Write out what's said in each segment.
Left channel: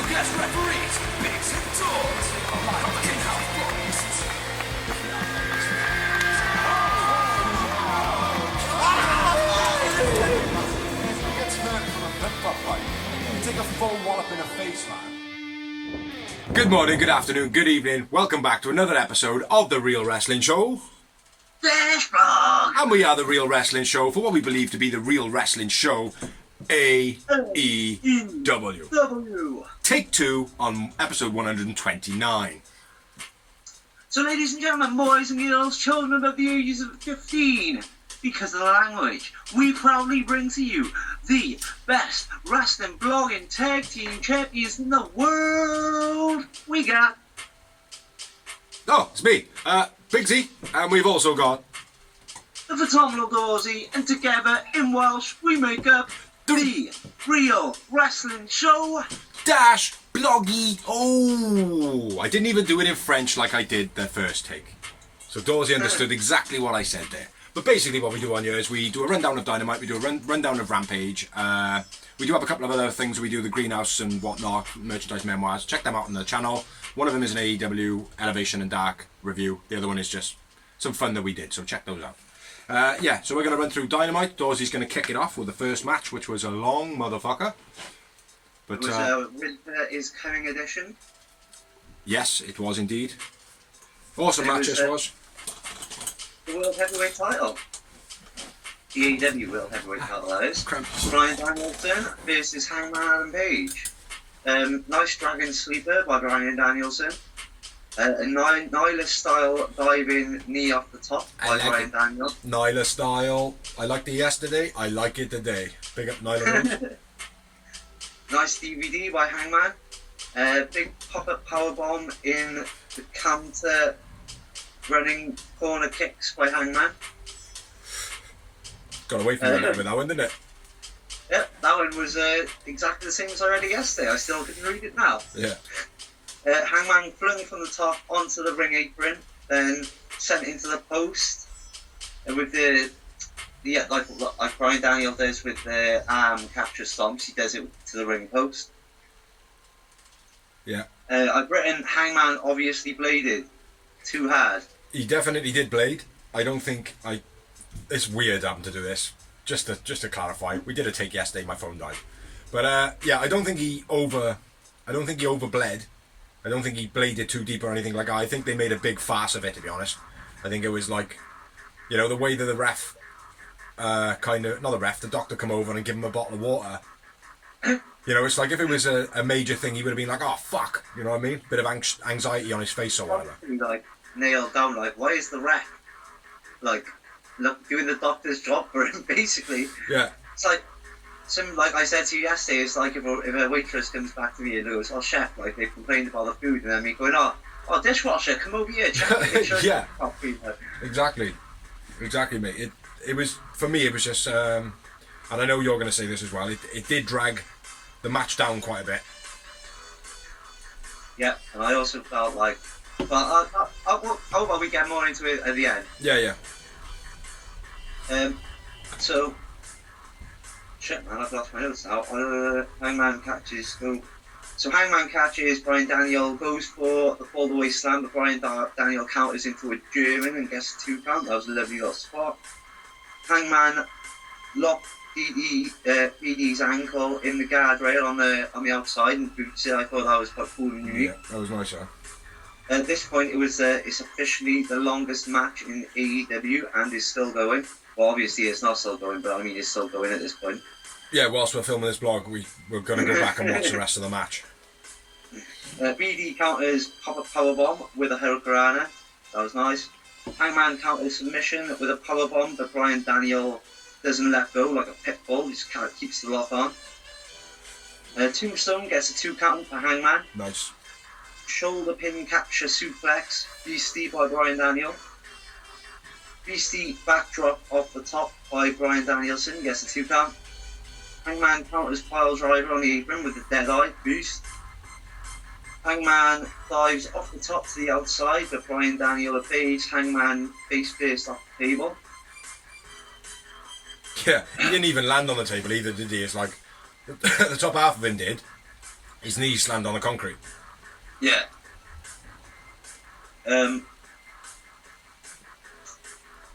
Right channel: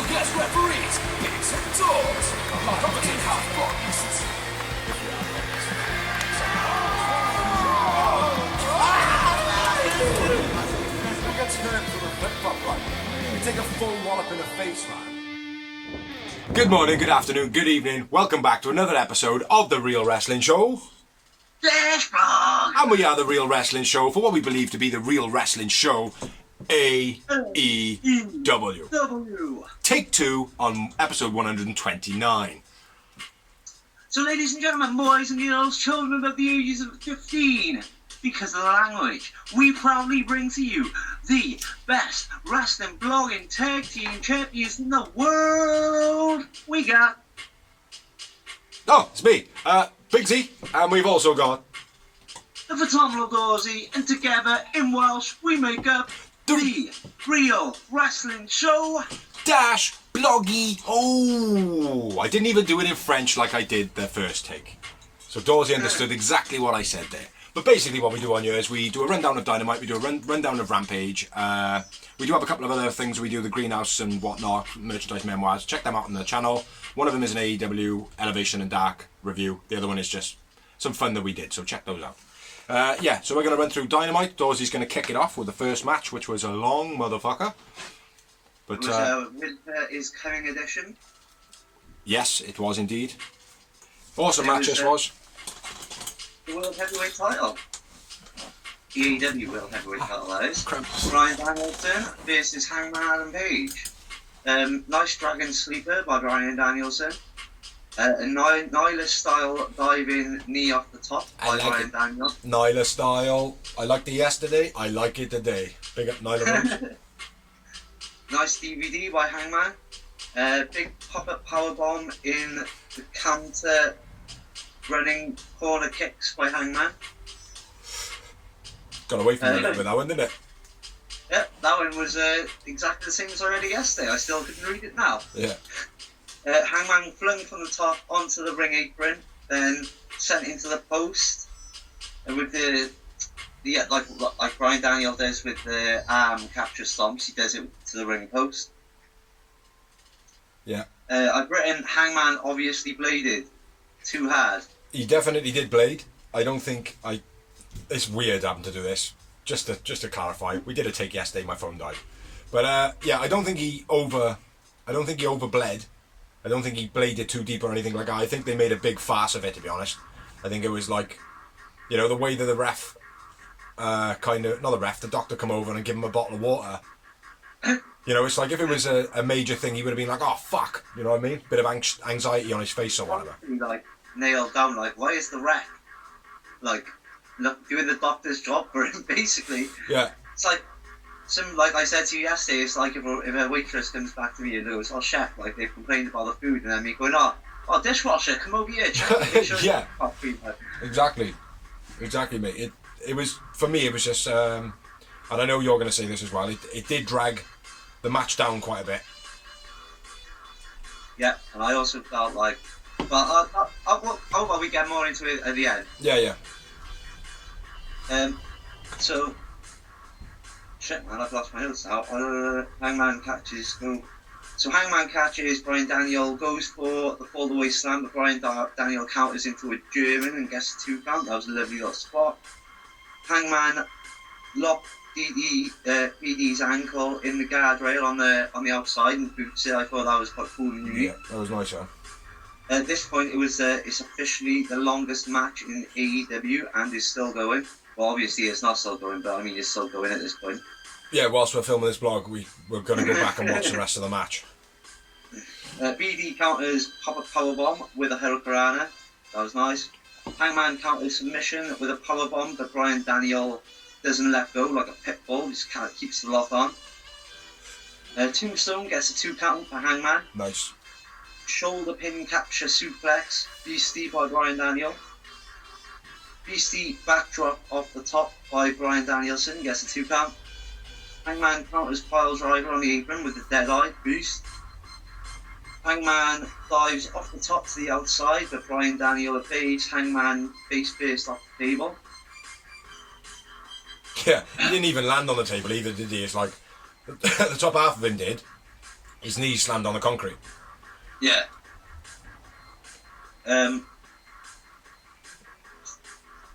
special guest referees, Bigs and Dogs, commentate how focused. He gets hurt from a flip-flop fight. You take a full wallop in the face, man. Good morning, good afternoon, good evening. Welcome back to another episode of The Real Wrestling Show. And we are The Real Wrestling Show for what we believe to be the Real Wrestling Show, AEW. Take 2 on episode 129. So ladies and gentlemen, boys and girls, children of the ages of 15, because of the language, we proudly bring to you the best wrestling blogging tag team champions in the world. We got... Oh, it's me, Big Z, and we've also got... the phenomenal Dorsey, and together in Welsh we make up the Real Wrestling Show Dash Bloggy. Oh, I didn't even do it in French like I did the first take. So Dorsey understood exactly what I said there. But basically what we do on here is we do a rundown of Dynamite, we do a rundown of Rampage. We do have a couple of other things. We do the Greenhouse and whatnot, merchandise memoirs. Check them out on the channel. One of them is an AEW Elevation and Dark review. The other one is just some fun that we did, so check those out. Yeah, so we're going to run through Dynamite. Dorsey's going to kick it off with the first match, which was a long motherfucker. But, it was with his coming edition. Yes, it was indeed. Awesome match this was. The World Heavyweight title. The AEW World Heavyweight title, that is. Bryan Danielson versus Hangman and Paige. Nice Dragon Sleeper by Bryan Danielson. A Nyla style diving knee off the top by Bryan Danielson. Nyla style. I liked it yesterday. I like it today. Big up Nyla. Nice DVD by Hangman. Big pop-up powerbomb in the counter running corner kicks by Hangman. Got away from me with that one, didn't it? Yep, that one was exactly the same as I read it yesterday. I still couldn't read it now. Yeah. Hangman flung from the top onto the ring apron, then sent into the post with the like Bryan Daniel does with the arm capture stomps. He does it to the ring post. Yeah. I've written Hangman obviously bladed too hard. He definitely did blade. I don't think It's weird having to do this. Just to clarify, we did a take yesterday. My phone died, but yeah, I don't think he overbled. I don't think he bladed too deep or anything like that. I think they made a big farce of it, to be honest. I think it was like, you know, the way that the ref, the doctor come over and give him a bottle of water. You know, it's like if it was a major thing, he would have been like, oh, fuck. You know what I mean? Bit of anxiety on his face or whatever. Like, nailed down, like, why is the ref, like, doing the doctor's job for him, basically? Yeah. It's like, like I said to you yesterday, it's like if a waitress comes back to me and goes, oh, chef, like, they've complained about the food, and then me going, oh, dishwasher, come over here, check sure yeah. Exactly, mate. It was, for me, it was just, and I know you're going to say this as well, it did drag the match down quite a bit. Yeah, and I also felt like, but I'll we get more into it at the end. Yeah. So, shit, man, I've lost my notes now. Hangman catches. So Hangman catches. Bryan Daniel goes for the fall-away slam, but Bryan Daniel counters into a German and gets a 2 count. That was a lovely little spot. Hangman locked PD's ankle in the guardrail on the outside and boots it. I thought that was quite cool and unique. Yeah, that was nice, yeah. At this point, it's officially the longest match in AEW and is still going. Well, obviously it's not still going, but I mean it's still going at this point. Yeah, whilst we're filming this vlog, we're going to go back and watch the rest of the match. BD counters pop-up powerbomb with a Hurricanrana. That was nice. Hangman counters submission with a powerbomb, but Bryan Daniel doesn't let go like a pit bull. He just kind of keeps the lock on. Tombstone gets a 2 count for Hangman. Nice. Shoulder pin capture suplex. Beastie by Bryan Daniel. Beastie backdrop off the top by Bryan Danielson. Gets a 2 count. Hangman counters pile driver on the apron with the dead eye boost. Hangman dives off the top to the outside, but Bryan Daniel evades Hangman face first off the table. Yeah, he didn't even land on the table either, did he? It's like the top half of him did, His knees slammed on the concrete. Yeah.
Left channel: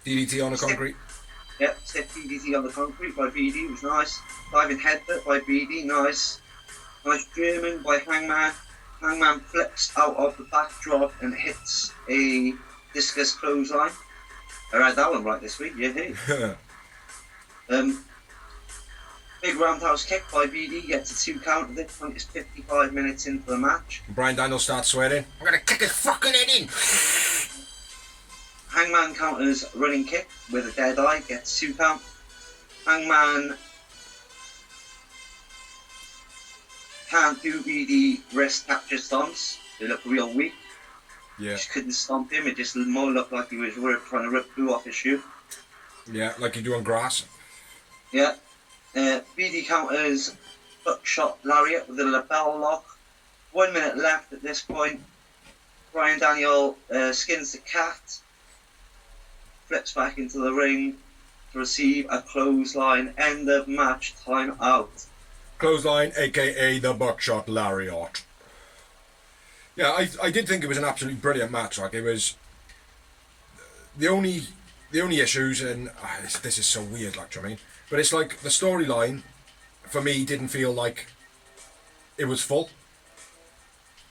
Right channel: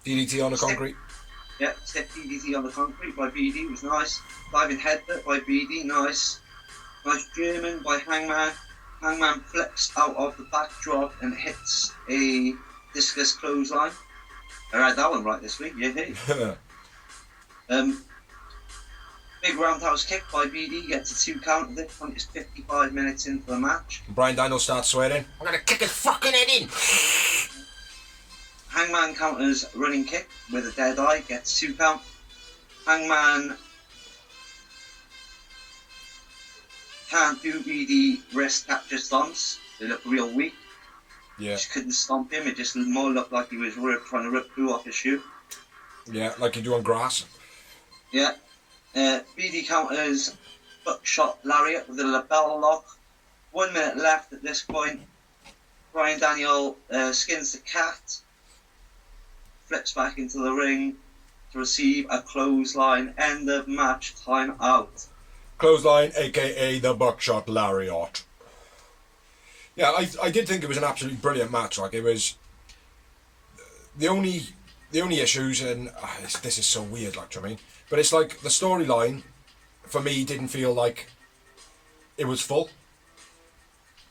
DDT on the concrete. Yeah, stiff DDT on the concrete by BD was nice. Diving headbutt by BD, nice. Nice German by Hangman. Hangman flips out of the backdrop and hits a discus clothesline. I read that one right this week, yeah. Hey. Big roundhouse kick by BD, gets a 2 count. At this point, it's 55 minutes into the match. Bryan Danielson starts swearing. I'm gonna kick his fucking head in. Hangman counters a running kick with a dead eye, gets 2 count. Hangman can't do BD wrist capture stomps. They look real weak. Yeah. Just couldn't stomp him. It just more looked like he was trying to rip glue off his shoe. Yeah, like you do on grass. Yeah. BD counters buckshot lariat with a lapel lock. 1 minute left at this point. Bryan Daniel skins the cat. Flips back into the ring to receive a clothesline. End of match. Time out. Clothesline, aka the buckshot lariat. Yeah, I did think it was an absolutely brilliant match. Like, it was the only issues, and this is so weird. Like, do you know what I mean? But it's like the storyline for me didn't feel like it was full.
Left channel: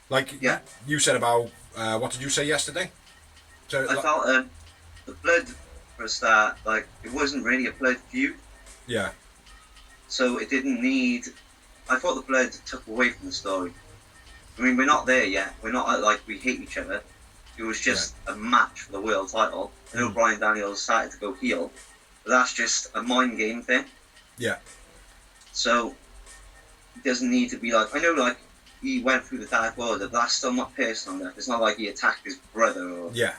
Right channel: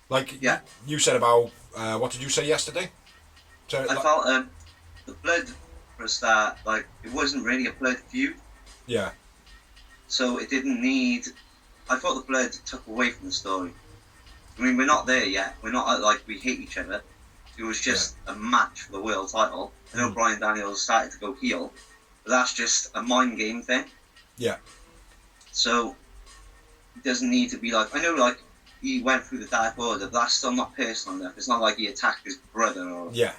Like, yeah. You said about what did you say yesterday? So I felt the blood for a start, like, it wasn't really a blood feud. Yeah. So it didn't need. I thought the blood took away from the story. I mean, we're not there yet. We're not like we hate each other. It was just a match for the world title. I know Bryan Daniels started to go heel, but that's just a mind game thing. Yeah. So it doesn't need to be like. I know, like, he went through the Dark Order, but that's still not personal enough. It's not like he attacked his brother or. Yeah.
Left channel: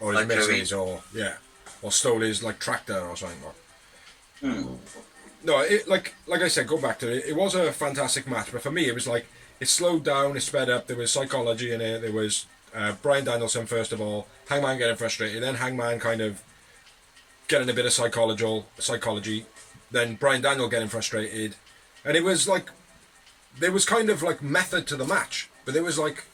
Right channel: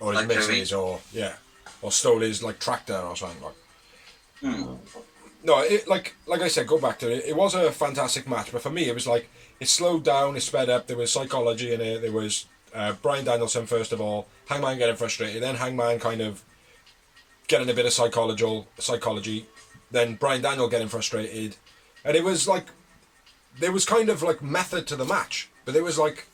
Or his like missus, or stole his like tractor or something like. No, it, like I said, go back to it. It was a fantastic match, but for me, it was like it slowed down, it sped up. There was psychology in it. There was Bryan Danielson first of all, Hangman getting frustrated, then Hangman kind of getting a bit of psychology, then Bryan Daniel getting frustrated, and it was like there was kind of like method to the match, but there was like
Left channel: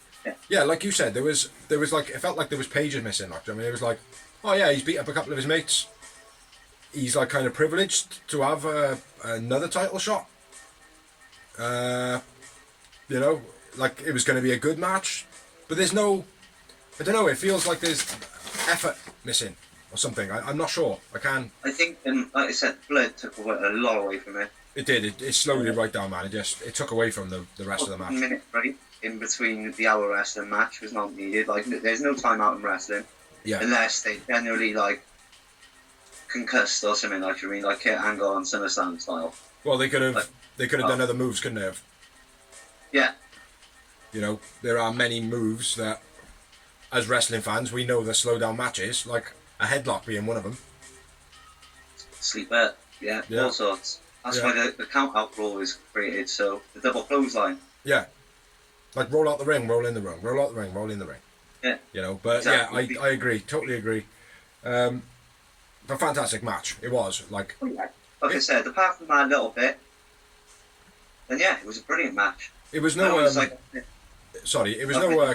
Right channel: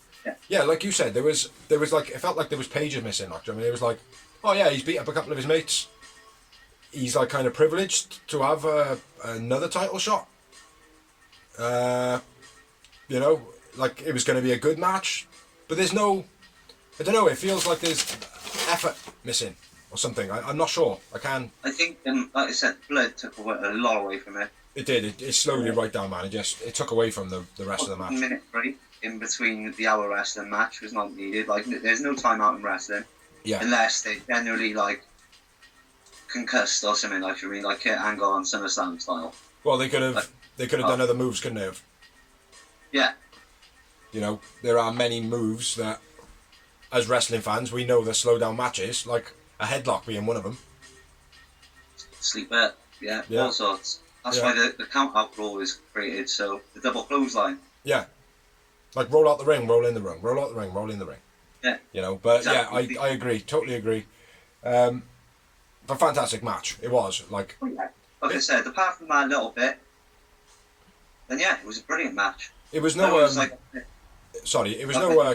like you said, there was like it felt like there was Paige missing. Like, I mean, it was like, oh yeah, he's beat up a couple of his mates. He's like kind of privileged to have another title shot. You know, like it was going to be a good match, but there's no, I don't know. It feels like there's effort missing or something. I'm not sure. I think, like I said, blood took a lot away from it. It did. It slowed it right down, man. It took away from the rest of the match. 1 minute break in between the hour wrestling match was not needed. Like, there's no time out in wrestling. Yeah. Unless they generally like concussed or something, like, you mean, like Kurt Angle on SummerSlam style. Well, they could have done other moves, couldn't they have? Yeah. You know, there are many moves that, as wrestling fans, we know that slow down matches, like a headlock being one of them. Sleeper, all sorts. That's why the count out rule is created, so the double clothesline. Yeah. Like roll out the ring, roll in the ring, roll out the ring, roll in the ring. Yeah. You know, but exactly. I agree, totally agree. A fantastic match, it was. Like I said, apart from that a little bit, then it was a brilliant match. It was no,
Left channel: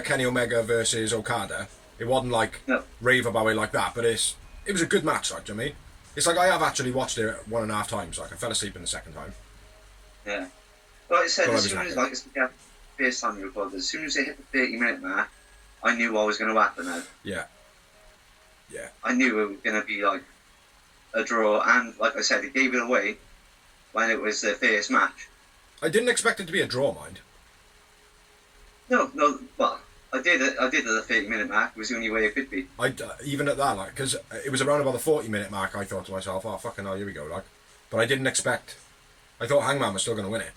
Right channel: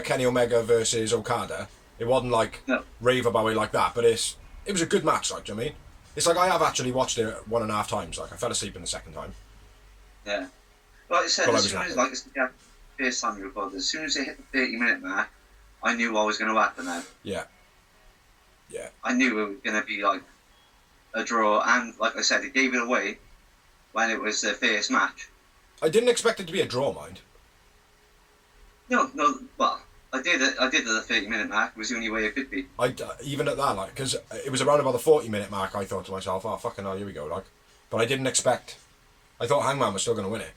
Kenny Omega versus Okada. It wasn't like rave about it like that, but it was a good match, like, do you know what I mean? It's like I have actually watched it 1.5 times. Like, I fell asleep in the second time. Yeah. Like I said, as soon as, like, it's the first time you recorded, as soon as it hit the 30-minute mark, I knew what was going to happen then. Yeah. Yeah. I knew it was going to be, like, a draw, and, like I said, it gave it away when it was the first match. I didn't expect it to be a draw, mind. No, well, I did at the 30-minute mark. It was the only way it could be. Even at that, like, because it was around about the 40-minute mark, I thought to myself, oh, fucking hell, here we go, like. But I didn't expect. I thought Hangman was still going to win it.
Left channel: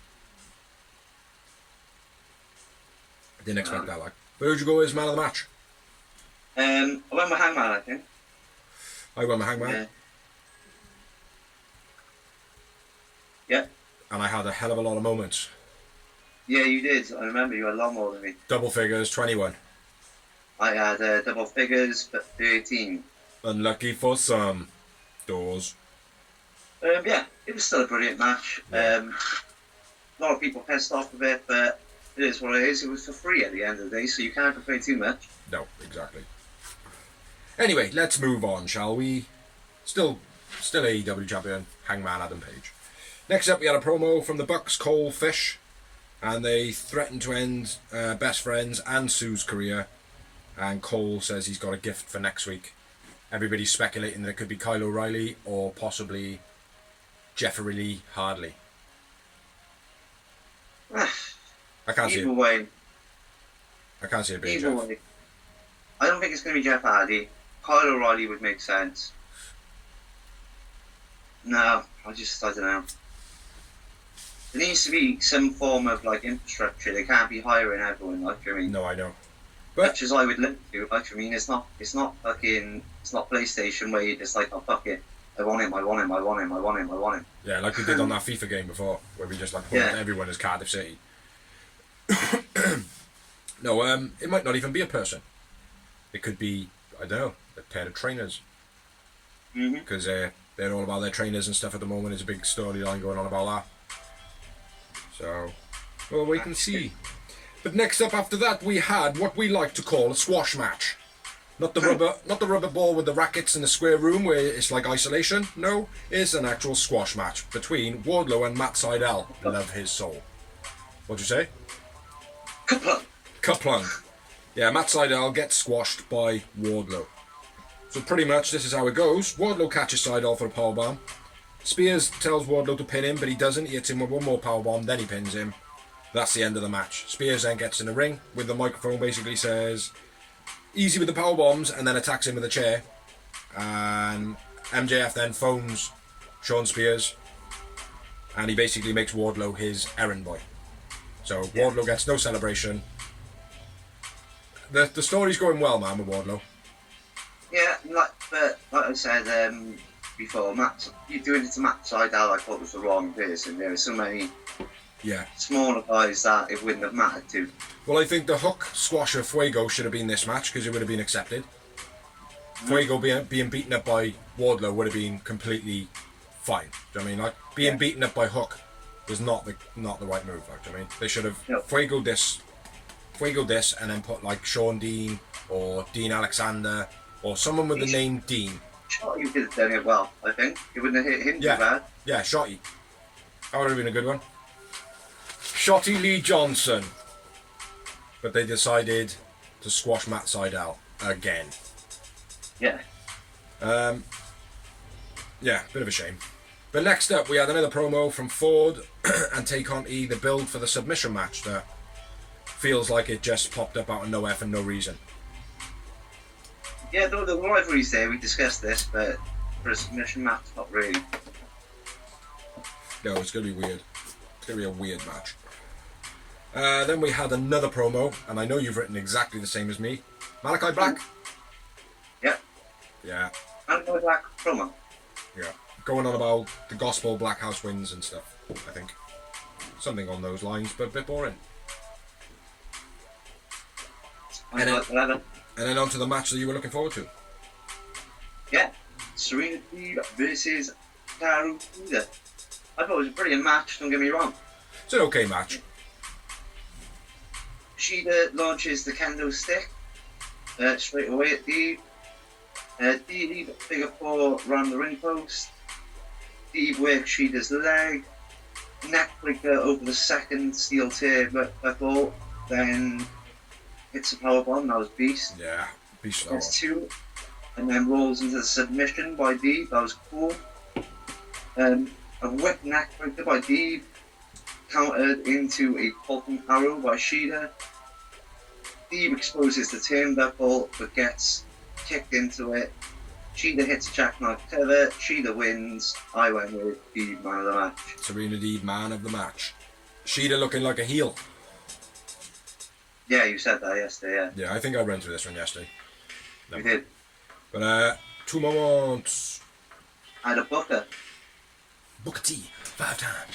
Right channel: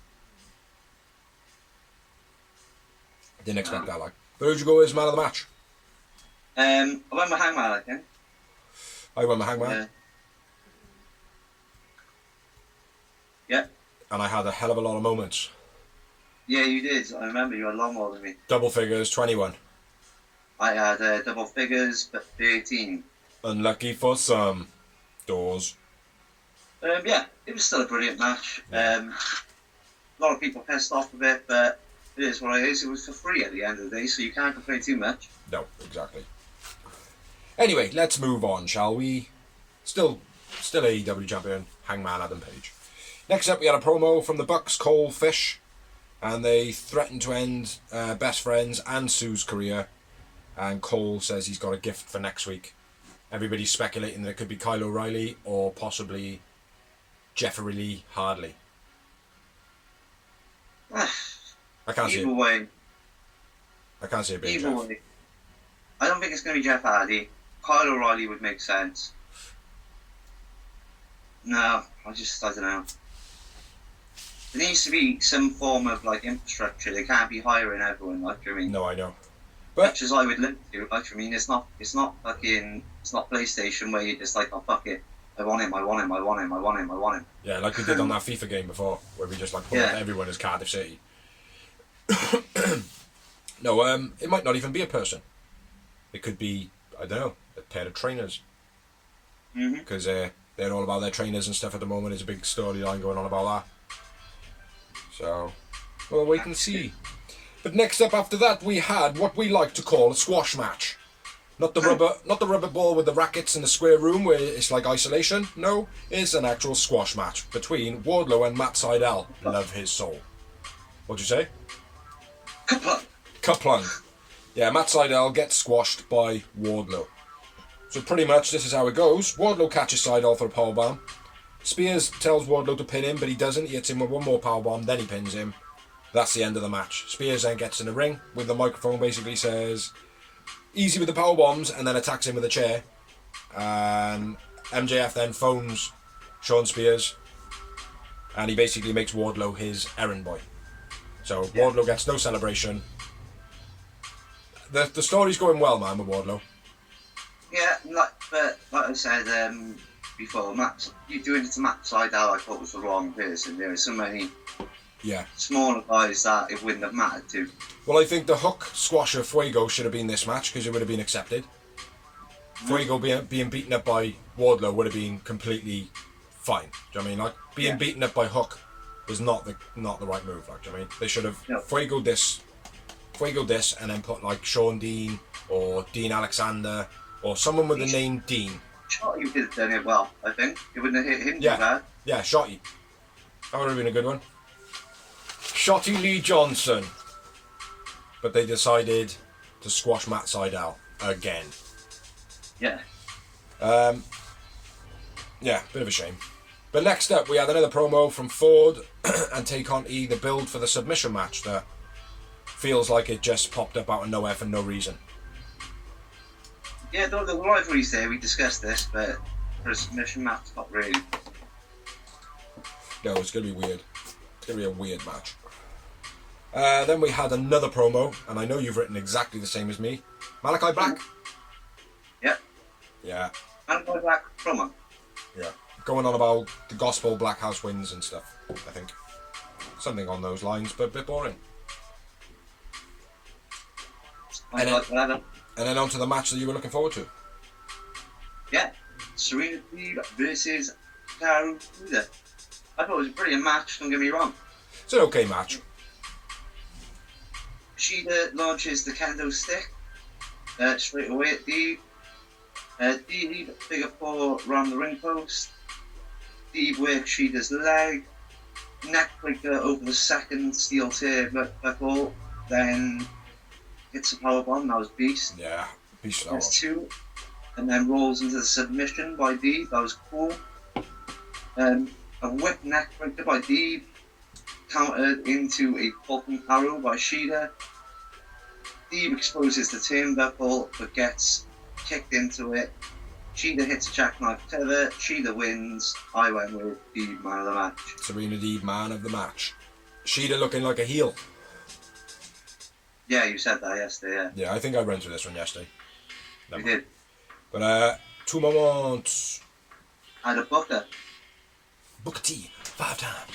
I didn't expect that, like. But who'd you go as man of the match? I went with Hangman, I think. I went with Hangman. Yeah. And I had a hell of a lot of moments. Yeah, you did. I remember you had a lot more than me. Double figures, 21. I had double figures, but 13. Unlucky for some. Doors. Yeah, it was still a brilliant match. Yeah. A lot of people pissed off with it, but It is what it is. It was for free at the end of the day, so you can't complain too much. No, exactly. Anyway, let's move on, shall we? Still AEW champion, Hangman Adam Page. Next up, we had a promo from the Bucks, Cole, Fish, and they threatened to end Best Friends and Sue's career. And Cole says he's got a gift for next week. Everybody's speculating that it could be Kyle O'Reilly or possibly Jeffrey Lee Hardley. I can't see it. Either way. I can't see it being Either Jeff. way. I don't think it's going to be Jeff Hardy. Kyle O'Reilly would make sense. No, I don't know. There needs to be some form of like infrastructure. They can't be hiring everyone. Like, I mean, No, I know. much as I would love to, like, I mean, it's not PlayStation where you're just like, oh fuck it, I want him. Yeah, like we did on that FIFA game before, where we just like put everyone as Cardiff City. No, it might not even be a person. It could be, I don't know, a pair of trainers. Because they're all about their trainers and stuff at the moment. There's a big storyline going on about that. So, we'll wait and see. But next up after that, we had what we like to call a squash match. Not the rubber ball with the rackets in the square room where it's like isolation. No, it's an actual squash match between Wardlow and Matt Sydal. Love his soul. What'd you say? Kaplunk. Yeah, Matt Sydal gets squashed by Wardlow. So pretty much this is how it goes. Wardlow catches Sydal for a powerbomb. Spears tells Wardlow to pin him, but he doesn't. He hits him with one more powerbomb, then he pins him. That's the end of the match. Spears then gets in the ring with the microphone, basically says, easy with the power bombs, and then attacks him with a chair. And MJF then phones Sean Spears, and he basically makes Wardlow his errand boy. So Wardlow gets no celebration. The story's going well, man, with Wardlow. Yeah, like I said before, you doing it to Matt Sydal, I thought was the wrong person. There were so many smaller guys that it wouldn't have mattered to. Well, I think the hook squasher Fuego should have been this match because it would have been accepted. Fuego being beaten up by Wardlow would have been completely fine. Do you know what I mean? Like being beaten up by Hook was not the right move. Like, do you know what I mean? They should have Fuego this, and then put like Sean Dean or Dean Alexander or someone with the name Dean. Shotty could have done it well. I think it wouldn't have hit him too bad. Yeah, Shotty. That would have been a good one. Shotty Lee Johnson. But they decided to squash Matt Sydal again. Yeah. Yeah, bit of a shame. But next up, we had another promo from Ford and Tay Conti, the build for the submission match that feels like it just popped up out of nowhere for no reason. Yeah, the rivalry's there. We discussed this, but for a submission match, not really. No, it's going to be weird. It's going to be a weird match. Then we had another promo, and I know you've written exactly the same as me. Malachi Black? Yeah. Yeah. Malachi Black promo. Yeah. Going on about the gospel, Black House wins and stuff, I think. Something on those lines, but a bit boring. And then on to the match that you were looking forward to. Yeah. Serena Deeb versus Karu Kuda. I thought it was a brilliant match, don't get me wrong. It's an okay match. Shida launches the kendo stick straight away at Deeb. Deeb figure four around the ring post. Deeb works Shida's leg. Neckbreaker over the second steel tier buckle. Then hits a powerbomb. That was beast. Yeah, beast. That was two. And then rolls into the submission by Deeb. That was cool. A whip neckbreaker by Deeb. Countered into a popping arrow by Shida. Deeb exposes the turnbuckle but gets kicked into it. Shida hits a jackknife tether. Shida wins. I went with Deeb man of the match. Serena Deeb man of the match. Shida looking like a heel. Yeah, you said that yesterday, Yeah, I think I ran through this one yesterday. You did. But, two moments. I had a Booker. Booker T. 5 times.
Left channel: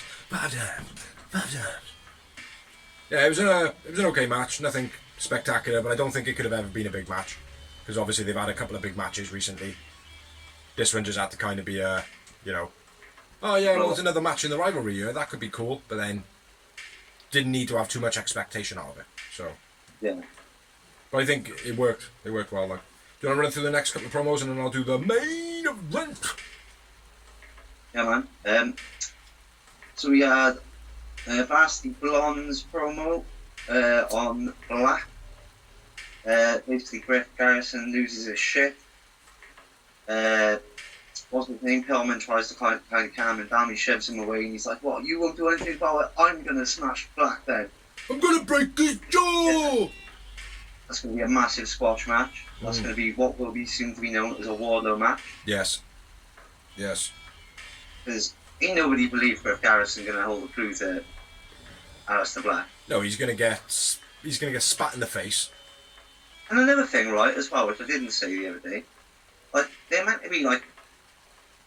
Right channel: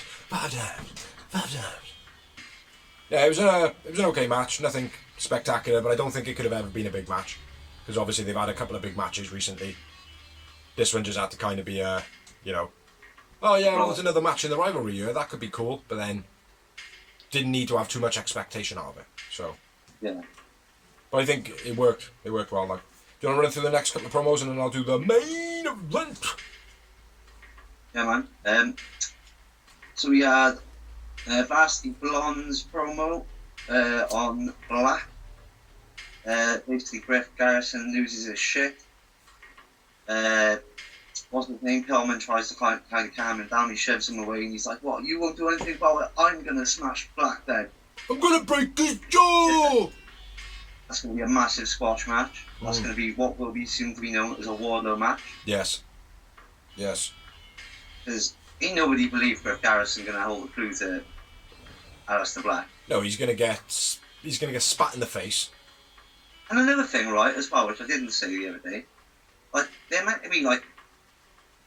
Yeah, it was an okay match. Nothing spectacular, but I don't think it could have ever been a big match. Because obviously they've had a couple of big matches recently. This one just had to kind of be oh yeah, well, it's another match in the rivalry here. That could be cool. But then didn't need to have too much expectation out of it. So, yeah. but I think it worked. It worked well. Like, do you want to run through the next couple of promos and then I'll do the main event? Yeah, man. So we had Varsity Blonde's promo on Black. Basically, Griff Garrison loses his shit. What's his name? Pillman tries to kind of calm him down. He shoves him away and he's like, "What? You won't do anything about it? I'm gonna smash Black then. I'm gonna break his jaw!" That's gonna be a massive squash match. That's gonna be what will be soon to be known as a Wardlow match. Yes. Yes. Because ain't nobody believed Griff Garrison gonna hold the clue to Aleister Black. No, he's gonna get spat in the face. And another thing, right, as well, which I didn't say the other day, like they're meant to be like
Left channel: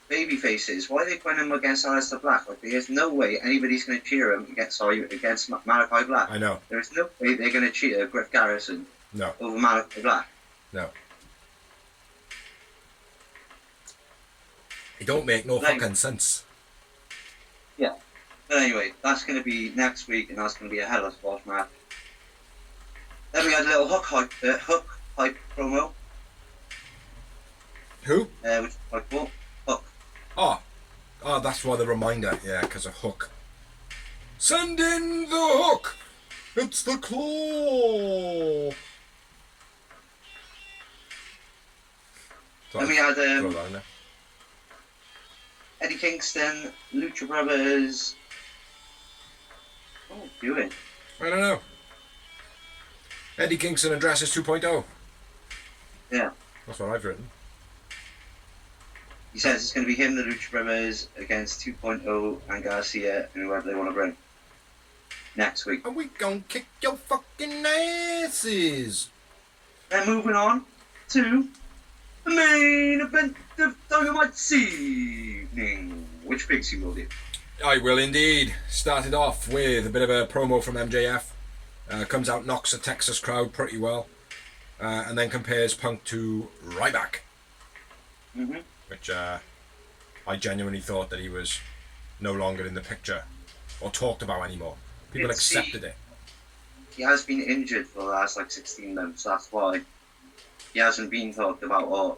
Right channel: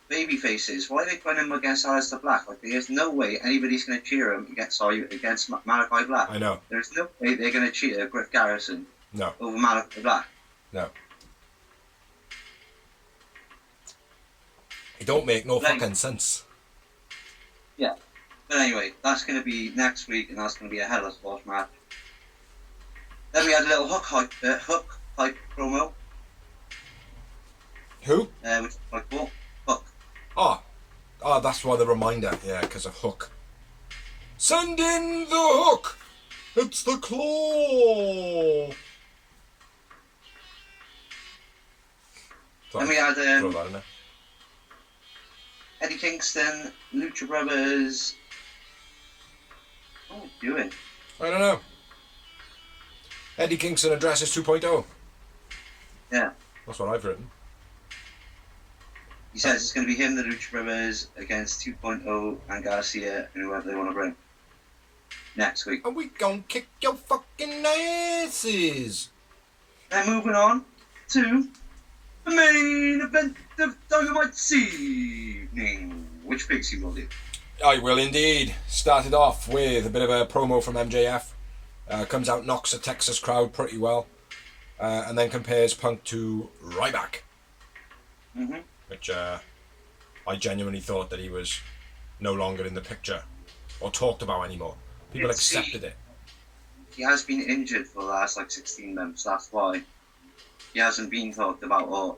baby faces. Why are they putting him against Aleister Black? Like there's no way anybody's gonna cheer him against Malachi Black. I know. There's no way they're gonna cheer Griff Garrison over Malachi Black. No. It don't make no fucking sense. Yeah. But anyway, that's going to be next week, and that's going to be a hell of a squash match. Then we had a little hook hype promo. Who? Which was quite cool. Hook. Oh, that's why the reminder. Yeah, because of Hook. Send in the hook! It's the claw! Then we had throw that in there. Eddie Kingston, Lucha Brothers. What am I doing? I don't know. Eddie Kingston addresses 2.0. Yeah. That's what I've written. He says it's going to be him, the Lucha Brothers, against 2.0 and Garcia and whoever they want to bring next week. And we gon' kick your fucking asses. Then moving on to the main event of Dynamite this evening. Which picks you will do? I will indeed. Started off with a bit of a promo from MJF. Comes out, knocks the Texas crowd pretty well. And then compares Punk to Ryback. Mm-hmm. Which I genuinely thought that he was no longer in the picture or talked about anymore. People accepted it. He has been injured for the last 16 months. That's why he hasn't been talked about or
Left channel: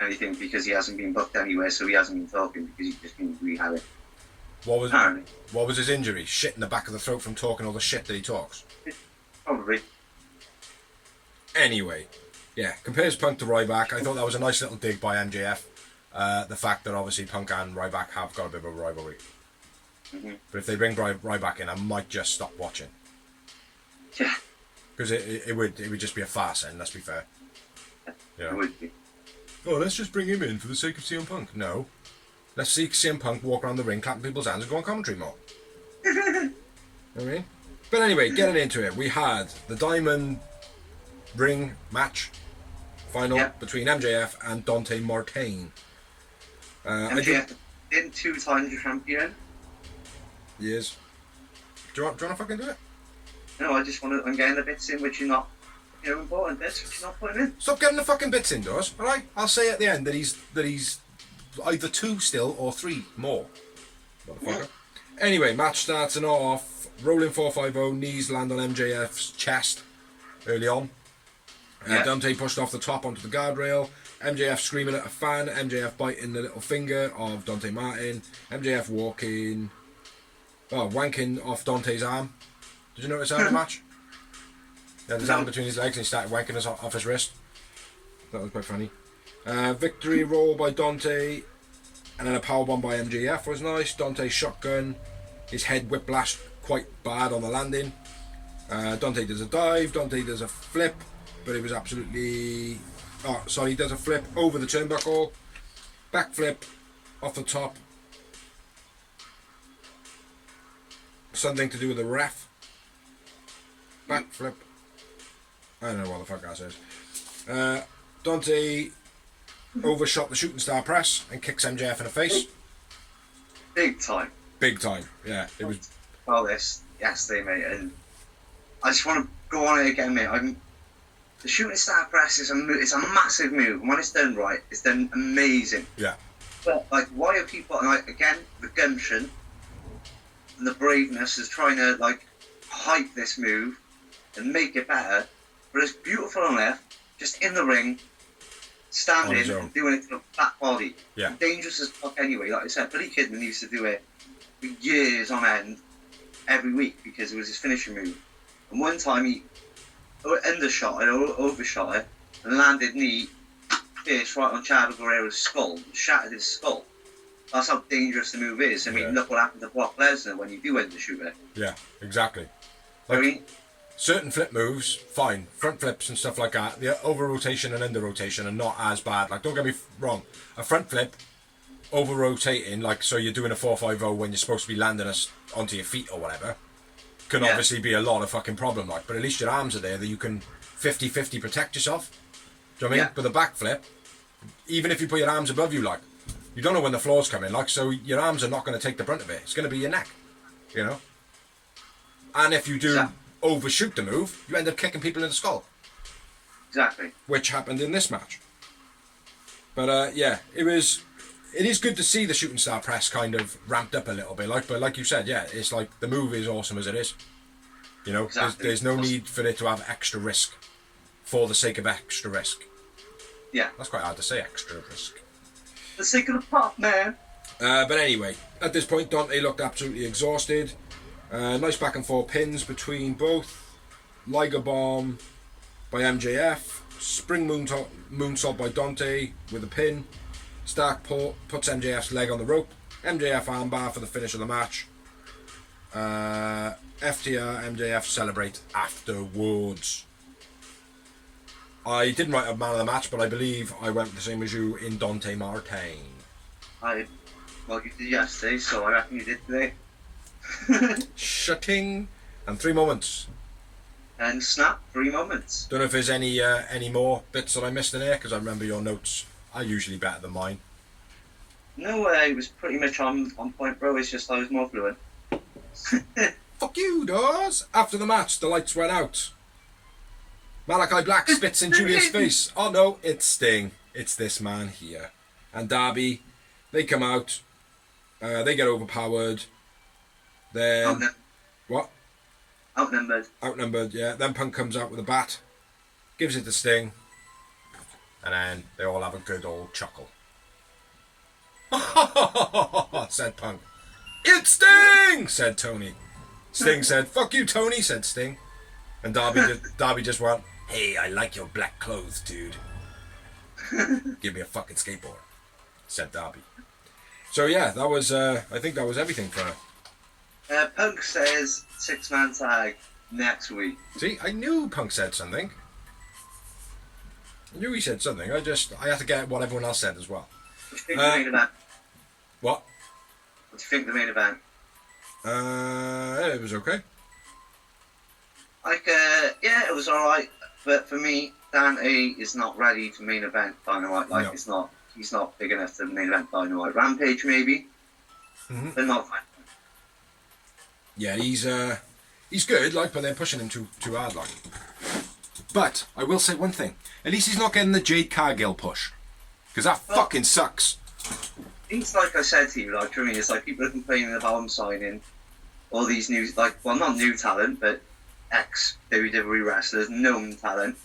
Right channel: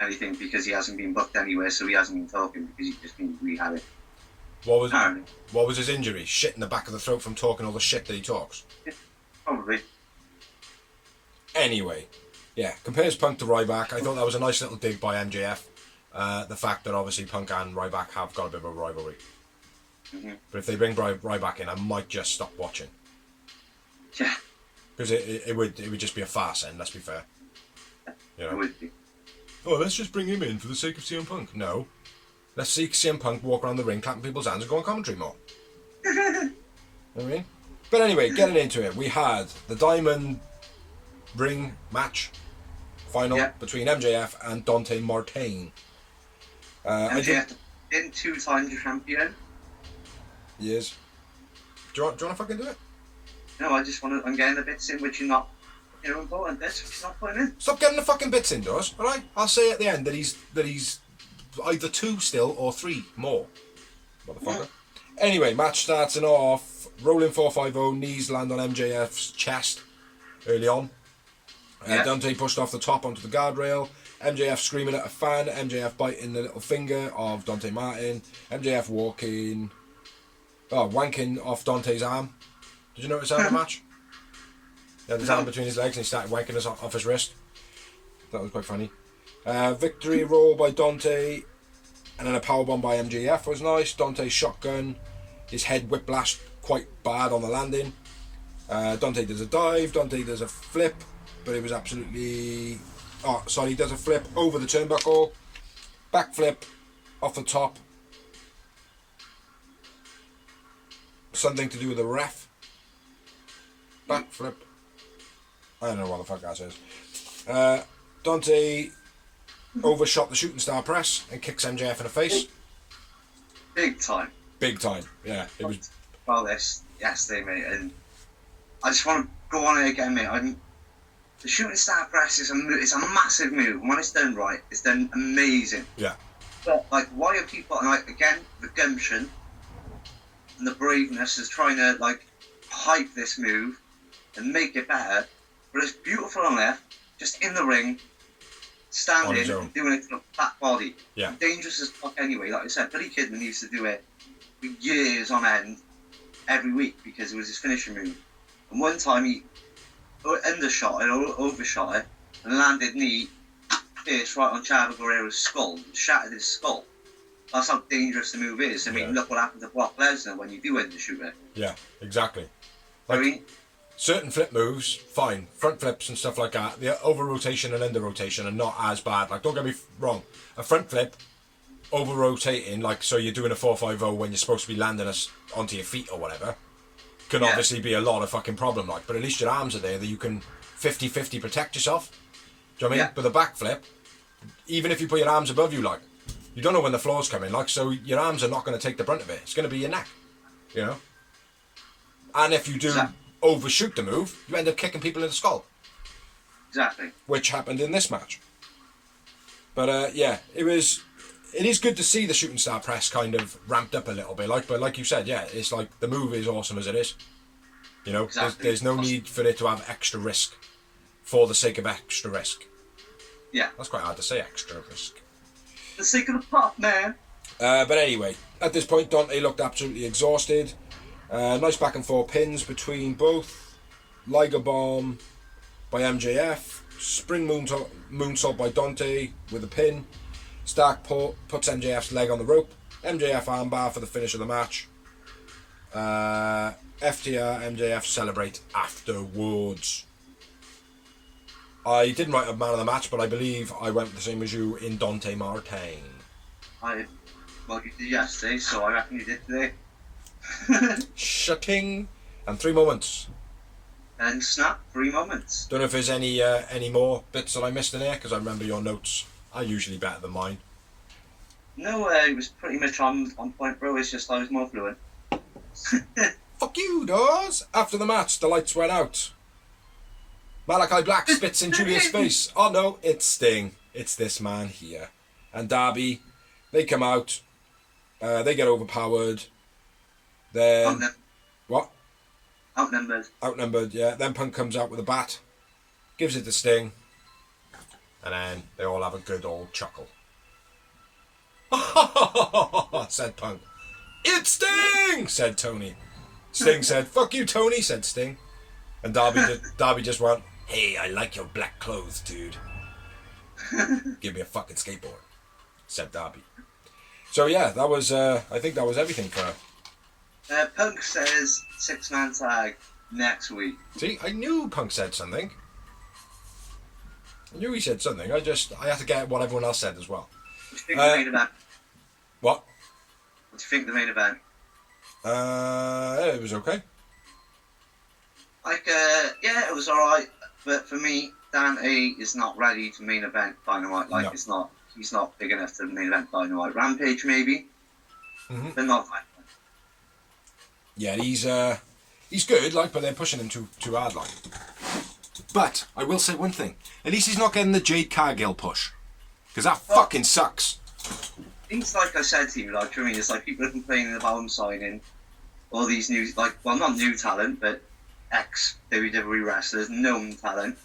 anything, because he hasn't been booked anywhere, so he hasn't been talking because he's just been rehabbing. What was his injury? Shit in the back of the throat from talking all the shit that he talks? Probably. Anyway, yeah, compares Punk to Ryback. I thought that was a nice little dig by MJF. The fact that obviously Punk and Ryback have got a bit of a rivalry. Mm-hmm. But if they bring Ryback in, I might just stop watching. Yeah. Because it would just be a farce, and let's be fair. You know? It would be. Oh, let's just bring him in for the sake of CM Punk. No. Let's see CM Punk walk around the ring, clapping people's hands and go on commentary more. You know what I mean? But anyway, getting into it, we had the Diamond Ring match final between MJF and Dante Martin. MJF been 2-time champion. Yes. Do you want to fucking do it? No, I'm getting the bits in which you're not, important bits which you're not putting in. Stop getting the fucking bits indoors, alright? I'll say at the end that he's either 2 still or 3 more. Motherfucker. Anyway, match starts off. Rolling 450, knees land on MJF's chest early on. Dante pushed off the top onto the guardrail. MJF screaming at a fan. MJF biting the little finger of Dante Martin. MJF wanking off Dante's arm. Did you notice that in the match? He had his arm between his legs and he started wanking us off his wrist. That was quite funny. Victory roll by Dante, and then a powerbomb by MJF was nice. Dante shotgun, his head whiplashed quite bad on the landing. Dante does a dive, Dante does a flip, but it was absolutely... he does a flip over the turnbuckle, backflip off the top. Something to do with the ref. Backflip. I don't know what the fuck that says. Dante overshot the shooting star press and kicks MJF in the face. Big time. Big time, yeah. It was. Well, this yesterday, mate, and I just want to go on it again, mate. The shooting star press is it's a massive move, and when it's done right, it's done amazing. Yeah. But why are people again the gumption and the braveness is trying to like hype this move and make it better. But it's beautiful enough, just in the ring, standing and doing it to the flat body. Yeah. Dangerous as fuck anyway. Like I said, Billy Kidman used to do it for years on end, every week, because it was his finishing move. And one time he undershot it, or overshot it, and landed knee first right on Chavo Guerrero's skull, shattered his skull. That's how dangerous the move is. I mean, look what happened to Brock Lesnar when you do undershoot it. Yeah, exactly. Like, I mean, certain flip moves, fine. Front flips and stuff like that. The over rotation and under rotation are not as bad. Like, don't get me wrong. A front flip, over rotating, like, so you're doing a 450 when you're supposed to be landing us onto your feet or whatever, can obviously be a lot of fucking problem. Like, but at least your arms are there that you can 50-50 protect yourself. Do you know what I mean? But the back flip, even if you put your arms above you, like, you don't know when the floor's coming, like, so your arms are not going to take the brunt of it. It's going to be your neck, you know? And if you do overshoot the move, you end up kicking people in the skull. Exactly. Which happened in this match. But, yeah, it is good to see the shooting star press kind of ramped up a little bit. Like, but like you said, yeah, it's like the move is awesome as it is. You know, there's no need for it to have extra risk for the sake of extra risk. Yeah. That's quite hard to say, extra risk. For the sake of the pop, man. But anyway, at this point, Dante looked absolutely exhausted. Nice back and forth pins between both. Liger Bomb by MJF. Spring moonsault by Dante with a pin. Stark puts MJF's leg on the rope. MJF armbar for the finish of the match. FTR, MJF celebrate afterwards. I didn't write a man of the match, but I believe I went the same as you in Dante Martin. Well, you did yesterday, so I reckon you did today. Shutting and 3 moments. And snap, 3 moments. Don't know if there's any more bits that I missed in there, because I remember your notes are usually better than mine. No, it was pretty much on point, bro. It's just I was more fluent. Fuck you, Dawes. After the match, the lights went out. Malachi Black spits in Julia's face. Oh no, it's Sting. It's this man here. And Darby, they come out. They get overpowered. Then... What? Outnumbered. Outnumbered, yeah. Then Punk comes out with a bat. Gives it to Sting. And then they all have a good old chuckle. Said Punk. It's Sting! Said Tony. Sting said, fuck you, Tony, said Sting. And Darby just went, hey, I like your black clothes, dude. Give me a fucking skateboard, said Darby. So yeah, that was, I think that was everything for... Punk says 6-man tag next week. See, I knew Punk said something. I knew he said something. I had to get what everyone else said as well. What do you think of the main event? What? What do you think of the main event? It was okay. Like, yeah, it was alright. But for me, Dante is not ready to main event Dynamite. Like, no. He's not big enough to main event Dynamite. Rampage, maybe. Mm-hmm. But not Dynamite. Yeah, he's good, like, but they're pushing him too hard, like. But I will say one thing: at least he's not getting the Jade Cargill push, because that fucking sucks. It's like I said to you, like, for me, it's like people are complaining about him signing all these new, like, well, not new talent, but ex-WWE wrestlers, known talent.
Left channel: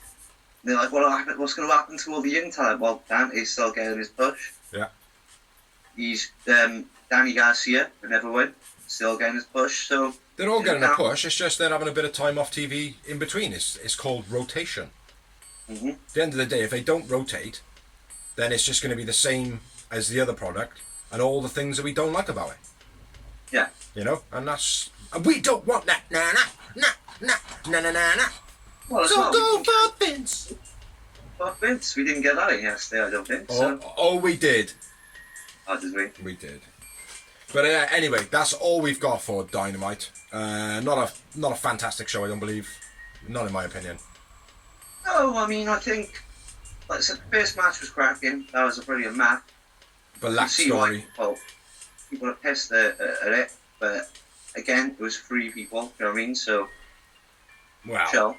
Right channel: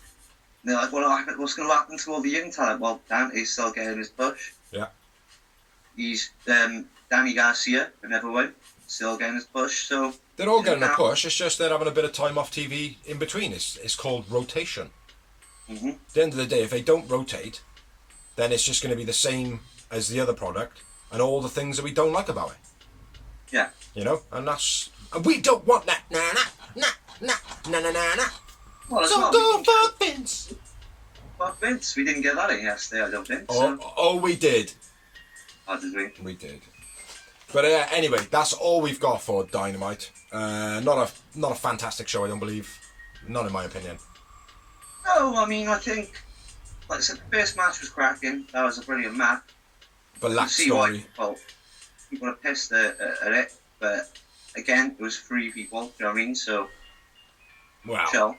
And they're like, what's going to happen to all the young talent? Well, Dante's still getting his push. Yeah. He's Danny Garcia, another one, still getting his push. So they're all getting a push. It's just they're having a bit of time off TV in between. It's called rotation. Mm-hmm. At the end of the day, if they don't rotate, then it's just going to be the same as the other product and all the things that we don't like about it. Yeah. You know, and we don't want that. Nah. Well, so go for Vince. Fuck Vince. We didn't get that in yesterday, I don't think. Oh, we did. Oh, did we? We did. But anyway, that's all we've got for Dynamite. Not a fantastic show, I don't believe. Not in my opinion. No, I mean, I think, like I said, the first match was cracking. That was a brilliant match. But lack story. People are pissed at it, but again, it was 3 people. You know what I mean? So, wow, chill.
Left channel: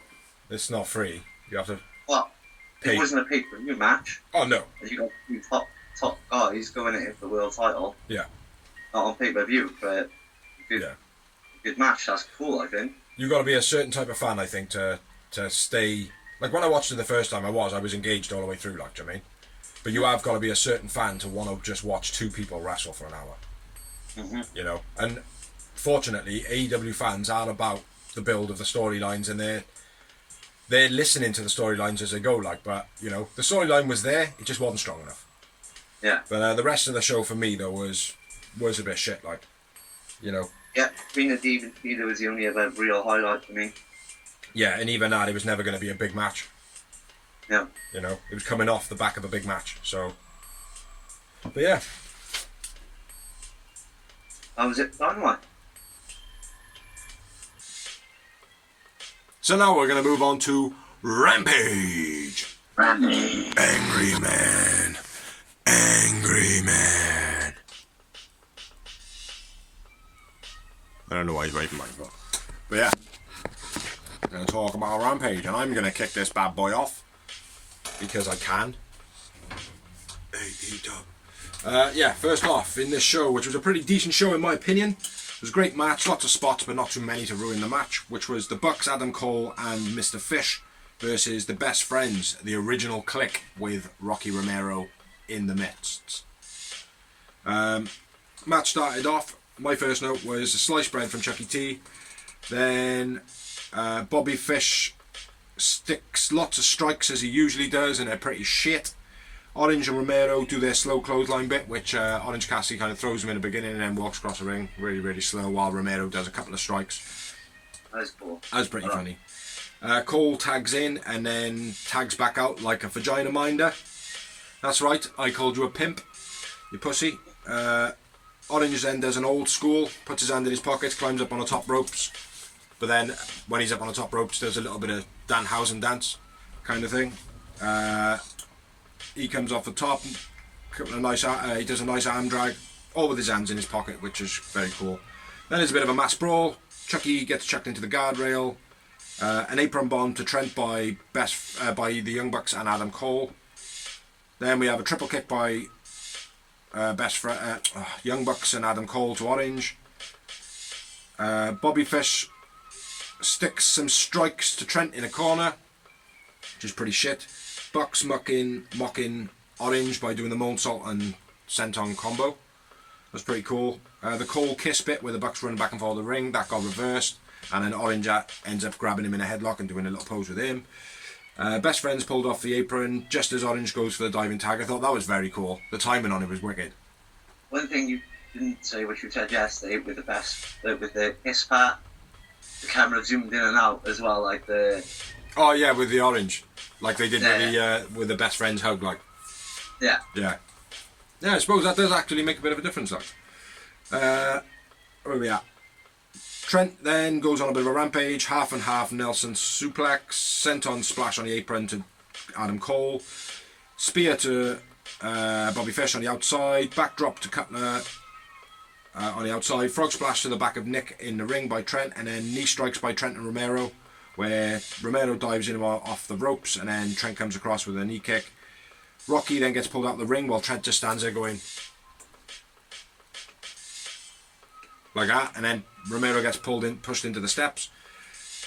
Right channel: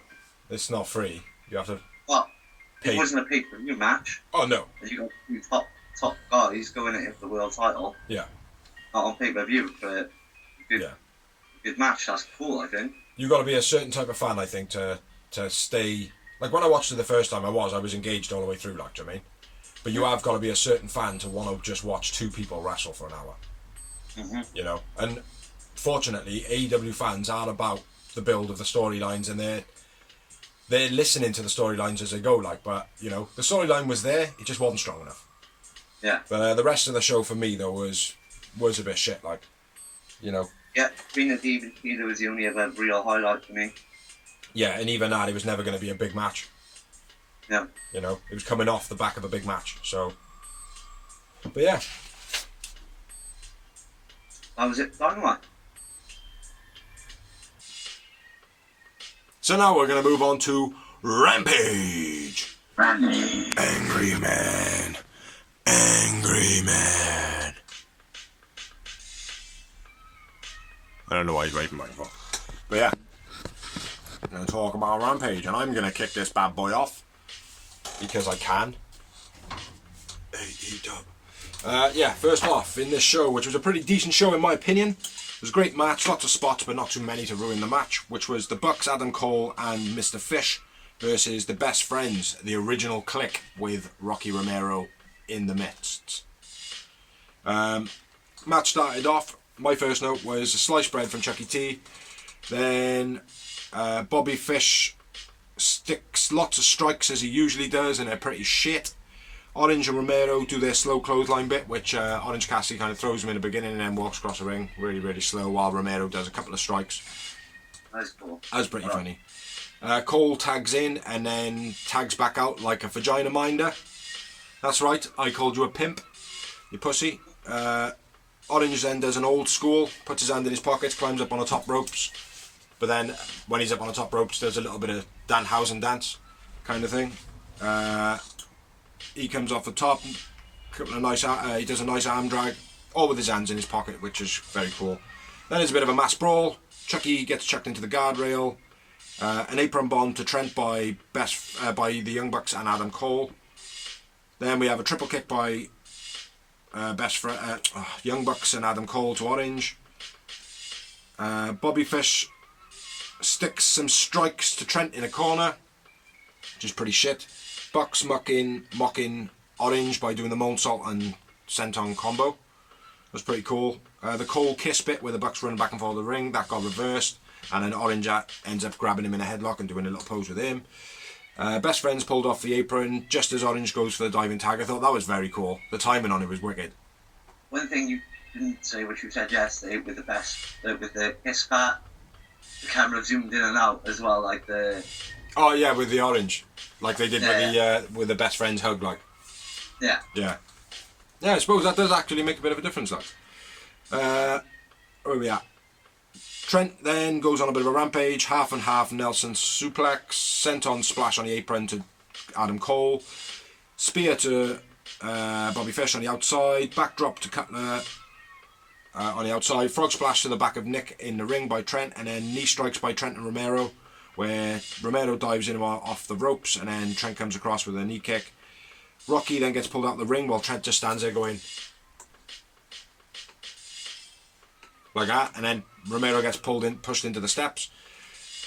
It's not free. You have to. Well, it wasn't a pay-per-view match. Oh no. You got 2 top guys going at it for the world title. Yeah. Not on pay-per-view, but yeah. good match. That's cool, I think. You've got to be a certain type of fan, I think, to stay. Like when I watched it the first time, I was engaged all the way through. Like, do you know what I mean? But you have got to be a certain fan to want to just watch two people wrestle for an hour. Mm-hmm. You know, and fortunately, AEW fans are about the build of the storylines, and they're listening to the storylines as they go. Like, but you know, the storyline was there; it just wasn't strong enough. Yeah. But the rest of the show for me though was a bit shit. Like, you know. Yeah, Rena Deeb and Peter was the only other real highlight for me. Yeah, and even that, it was never going to be a big match. Yeah. You know, it was coming off the back of a big match. So, but yeah. That was it. Dynamite. So now we're going to move on to Rampage. Rampage. Angry Man. Angry Man. I don't know why he's waving my phone. But yeah. I'm going to talk about Rampage, and I'm going to kick this bad boy off. Because I can. Yeah, first off, in this show, which was a pretty decent show in my opinion, it was a great match, lots of spots, but not too many to ruin the match, which was the Bucks, Adam Cole, and Mr. Fish versus the Best Friends, the original clique with Rocky Romero in the midst. Match started off, my first note was a sliced bread from Chuck E. T. Then Bobby Fish sticks lots of strikes as he usually does, and they're pretty shit. Orange and Romero do their slow clothesline bit, which Orange Cassidy kind of throws him in the beginning and then walks across the ring really, really slow, while Romero does a couple of strikes. That's cool. That was pretty funny. Cole tags in and then tags back out like a vagina minder. That's right, I called you a pimp, you pussy. Orange then does an old school, puts his hand in his pockets, climbs up on the top ropes. But then, when he's up on the top ropes, does a little bit of Danhausen dance kind of thing. He comes off the top, couple of nice, he does a nice arm drag, all with his hands in his pocket, which is very cool. Then there's a bit of a mass brawl. Chucky gets chucked into the guardrail. An apron bomb to Trent by the Young Bucks and Adam Cole. Then we have a triple kick by Young Bucks and Adam Cole to Orange. Bobby Fish sticks some strikes to Trent in a corner, which is pretty shit. Bucks mocking Orange by doing the moonsault and senton combo. That's pretty cool. The Cole kiss bit where the Bucks running back and forth the ring, that got reversed, and then Orange ends up grabbing him in a headlock and doing a little pose with him. Best Friends pulled off the apron just as Orange goes for the diving tag. I thought that was very cool. The timing on it was wicked. One thing you didn't say, which you said yesterday, with the kiss part, the camera zoomed in and out as well, like the. Oh yeah, with the Orange, like they did with the Best Friends hug, like. Yeah. Yeah. Yeah, I suppose that does actually make a bit of a difference, like. Where are we at? Trent then goes on a bit of a rampage, half and half Nelson suplex, senton splash on the apron to Adam Cole, spear to Bobby Fish on the outside, backdrop to Cutler on the outside, frog splash to the back of Nick in the ring by Trent, and then knee strikes by Trent and Romero, where Romero dives in off the ropes, and then Trent comes across with a knee kick. Rocky then gets pulled out of the ring while Trent just stands there going like that, and then Romero gets pushed into the steps.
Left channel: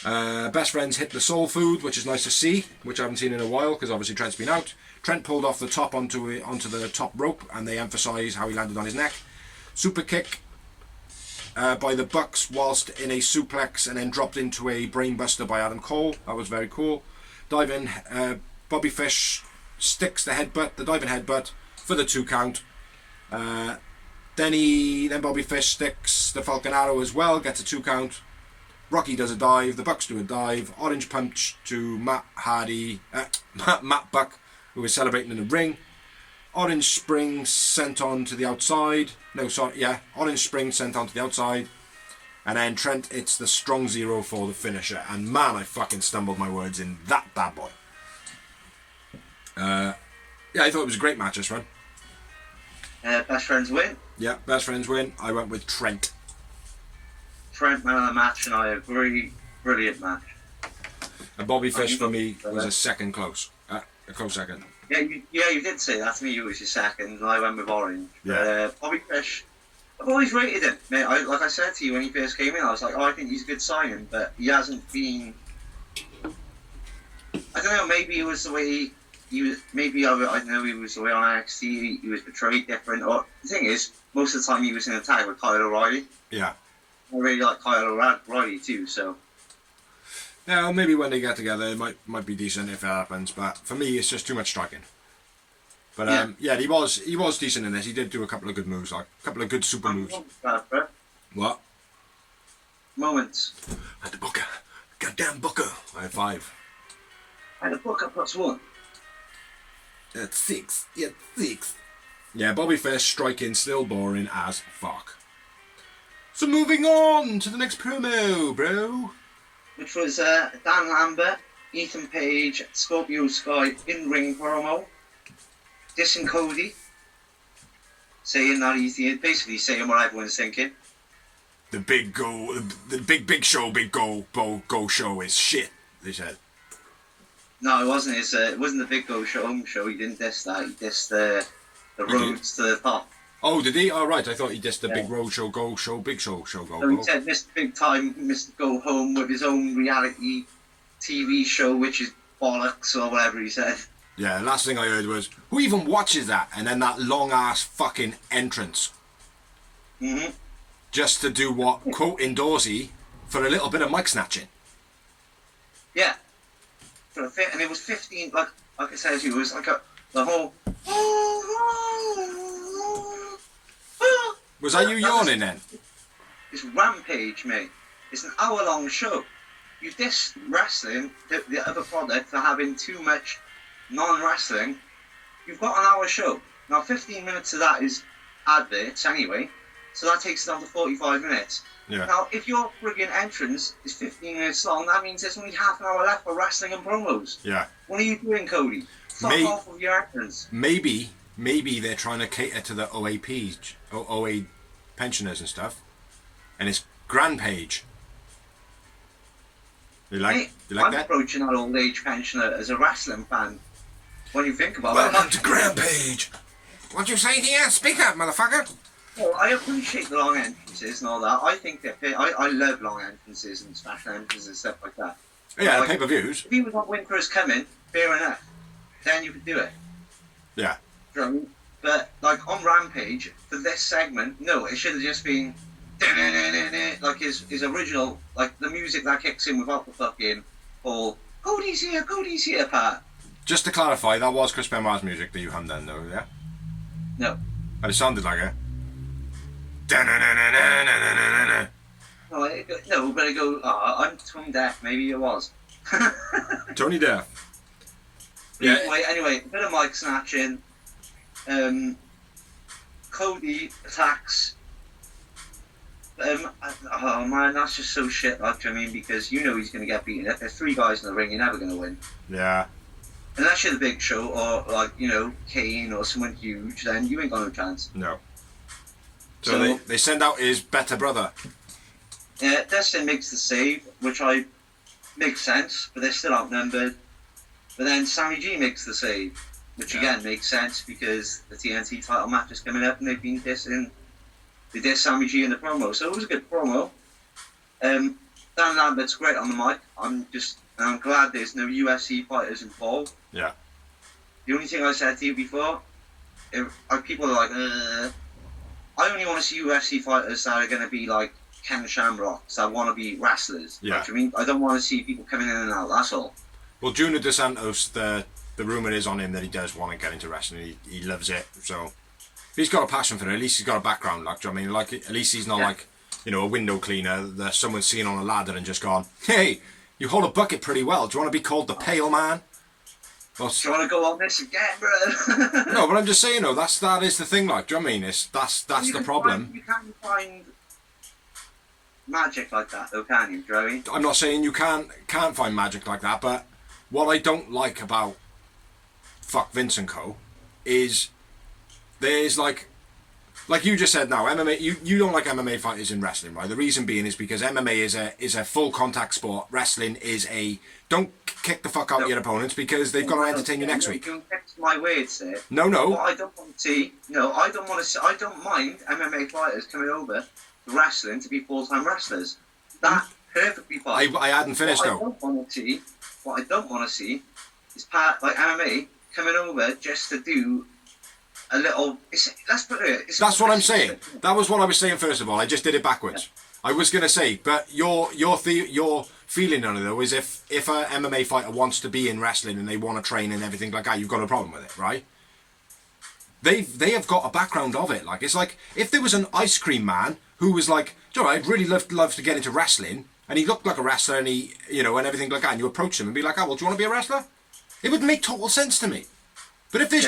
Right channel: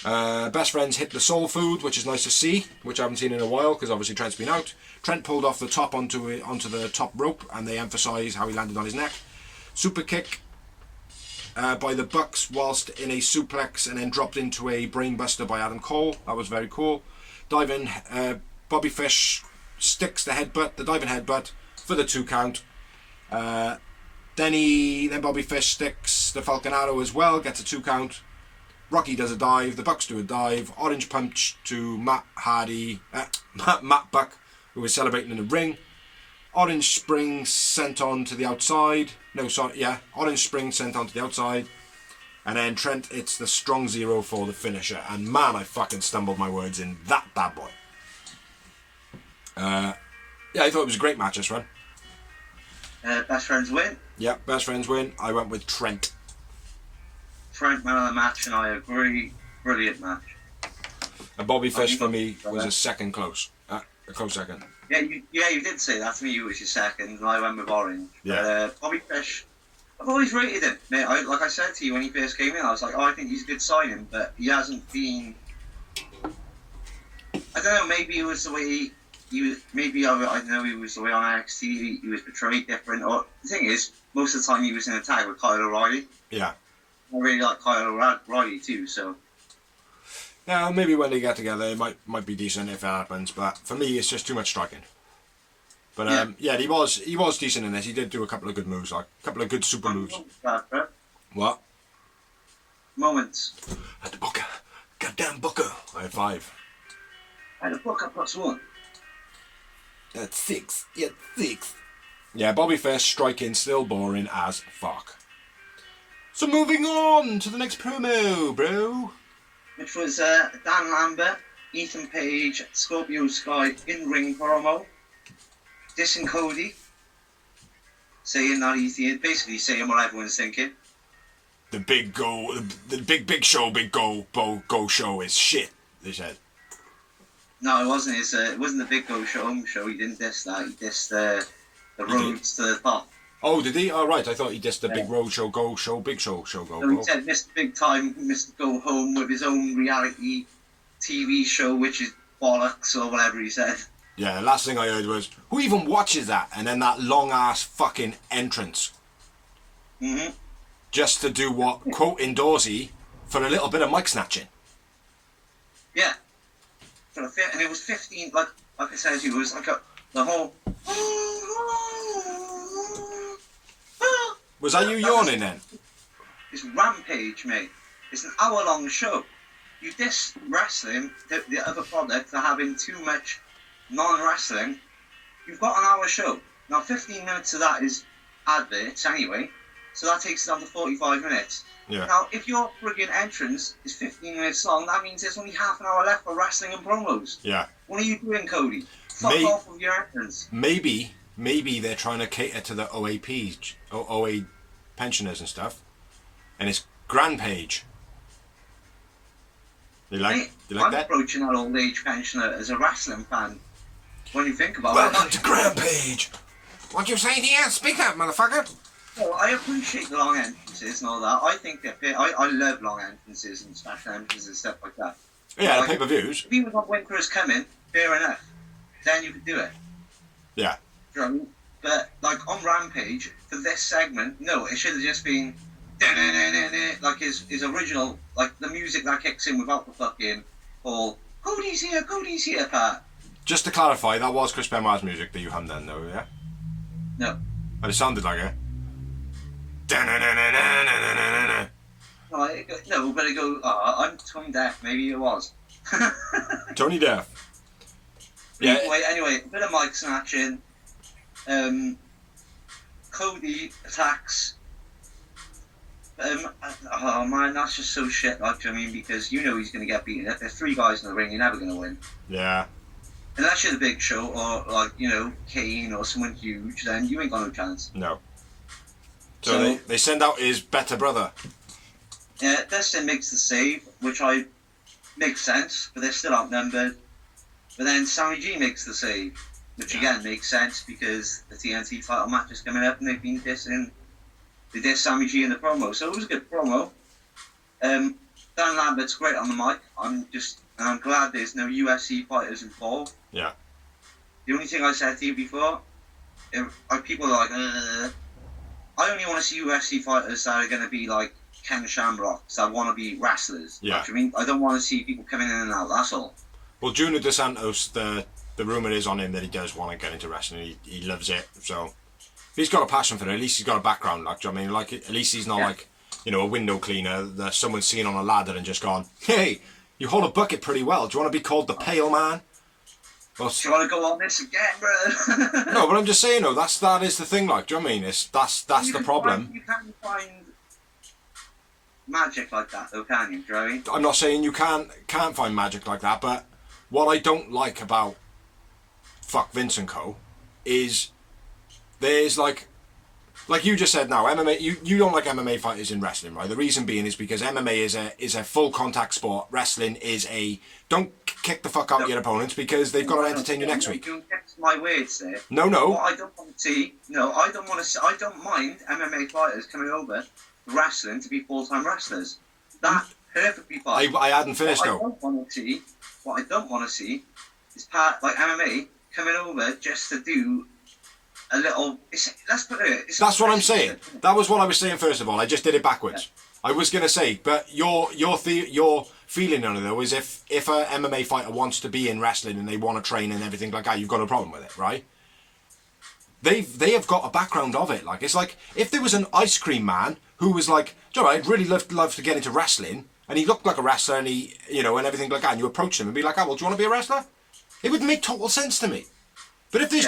Best Friends hit the soul food, which is nice to see, which I haven't seen in a while because obviously Trent's been out. Trent pulled off the top onto the top rope, and they emphasise how he landed on his neck. Super kick by the Bucks whilst in a suplex, and then dropped into a brainbuster by Adam Cole. That was very cool. Diving, Bobby Fish sticks the diving headbutt for the 2 count. Then Bobby Fish sticks the Falcon Arrow as well, gets a 2 count. Rocky does a dive, the Bucks do a dive, orange punch to Matt Buck, who is celebrating in the ring. Orange spring sent on to the outside. Orange spring sent on to the outside. And then Trent hits the strong zero for the finisher. And man, I fucking stumbled my words in that bad boy. I thought it was a great match this one. Best Friends win. Yeah, Best Friends win. I went with Trent. Trent man of the match, and I agree. Brilliant match. And Bobby Fish for me was a second close. A close second. Yeah, you did say that to me. You was your second, and I went with Orange. Yeah. Bobby Fish I've always rated him, mate. Like I said to you when he first came in, I was like, oh, I think he's a good signing, but he hasn't been. I don't know. Maybe it was the way he was. Maybe I know he was the way on NXT. He was portrayed different. Or the thing is, most of the time he was in a tag with Kyle O'Reilly. Yeah. I really like Kyle O'Reilly too. So. Yeah, maybe when they get together, it might be decent if it happens. But for me, it's just too much striking. But yeah, he was decent in this. He did do a couple of good moves, like a couple of good super moves. What? Moments. I had the booker. Goddamn booker. I had 5. I had a booker +1. That's 6. Yeah, 6. Yeah, Bobby Fish striking, still boring as fuck. So moving on to the next promo, bro. Which was Dan Lambert, Ethan Page, Scorpio Sky in-ring promo. Dissing Cody, saying that he's basically saying what everyone's thinking. The big big show show is shit. They said. No, it wasn't. It wasn't the Big Go Home show. He didn't diss that. He dissed the roads to the top. Oh, did he? Oh, right. I thought he dissed the big road show, go show, big show, go. So he said Mr. Big Time, Mr. Go Home with his own reality TV show, which is bollocks or whatever he said. Yeah, the last thing I heard was, who even watches that? And then that long-ass fucking entrance. Mm-hmm. Just to do what? Quote Dorsey for a little bit of mic snatching. Yeah. And it was 15, like I said to you, it was like the whole... Was that you yawning then? It's Rampage, mate. It's an hour-long show. You diss wrestling, the other product, for having too much non-wrestling. You've got an hour show. Now 15 minutes of that is adverts anyway, so that takes it down to 45 minutes. Yeah. Now if your friggin' entrance is 15 minutes long, that means there's only half an hour left for wrestling and promos. Yeah. What are you doing, Cody? Fuck off with your entrance. Maybe they're trying to cater to the OA pensioners and stuff, and it's Rampage. You like that? I'm approaching that old age pensioner as a wrestling fan. When you think about it. Welcome to Rampage. What you say here? Speak up, motherfucker. Well, I appreciate the long entrances and all that. I think that I love long entrances and special entrances and stuff like that. Yeah, like, pay-per-views. If you want Winter is coming, fair enough. Then you could do it. Yeah. Do you know what I mean? But like on Rampage for this segment, no, it should have just been like his original, like the music that kicks in without the fucking whole Cody's here part. Just to clarify, that was Chris Benoit's music that you hummed then, though, yeah? No. But it sounded like it. No, but I go, I'm tone deaf. Maybe it was. Tony Deaf. Yeah. Anyway, a bit of mic snatching. Cody attacks. Oh man, that's just so shit. Like, do you know what I mean? Because you know he's going to get beaten. If there's 3 guys in the ring, you're never going to win. Yeah. Unless you're the Big Show or like Kane or someone huge, then you ain't got no chance. No. So they send out his better brother. Yeah, Destin makes the save, which makes sense, but they're still outnumbered. But then Sammy G makes the save, which again makes sense because the TNT title match is coming up and they've been dissing. They dissed Sammy G in the promo, so it was a good promo. Dan Lambert's great on the mic. I'm glad there's no UFC fighters involved. Yeah. The only thing I said to you before, people are like, I only want to see UFC fighters that are going to be like Ken Shamrocks, that want to be wrestlers. Yeah. Like, I mean, I don't want to see people coming in and out, that's all. Well, Junior Dos Santos, the rumour is on him that he does want to get into wrestling. He loves it, so he's got a passion for it. At least he's got a background, like, do you know what I mean? Like, at least he's not like, a window cleaner that someone's seen on a ladder and just gone, hey, you hold a bucket pretty well. Do you want to be called the Pale Man? Well, do you want to go on this again, bro? No, but I'm just saying, that is the thing, like, do you know what I mean? That's the problem. You can't find magic like that, though, can you, Joey? I'm not saying you can't find magic like that, but what I don't like about fuck Vince and Co. is there's like you just said now, MMA. You don't like MMA fighters in wrestling, right? The reason being is because MMA is a full contact sport. Wrestling is a don't kick the fuck out of your opponents because they've got to entertain you next week. You don't get my words there. No. What I don't want to see, I don't want to see, I don't mind MMA fighters coming over to wrestling to be full-time wrestlers. That's perfectly fine. I hadn't finished though. What I don't want to see is like MMA coming over just to do a little. Let's put it. That's what I'm saying. That was what I was saying first of all. I just did it backwards. Yeah. I was gonna say, but your feeling on it though is if a MMA fighter wants to be in wrestling and they want to train and everything like that, you've got a problem with it, right? They have got a background of it. Like it's like if there was an ice cream man who was like, you know, I'd really love to get into wrestling, and he looked like a wrestler and he, you know, and everything like that, and you approach him and be like, oh well, do you want to be a wrestler? It would make total sense to me. But if there's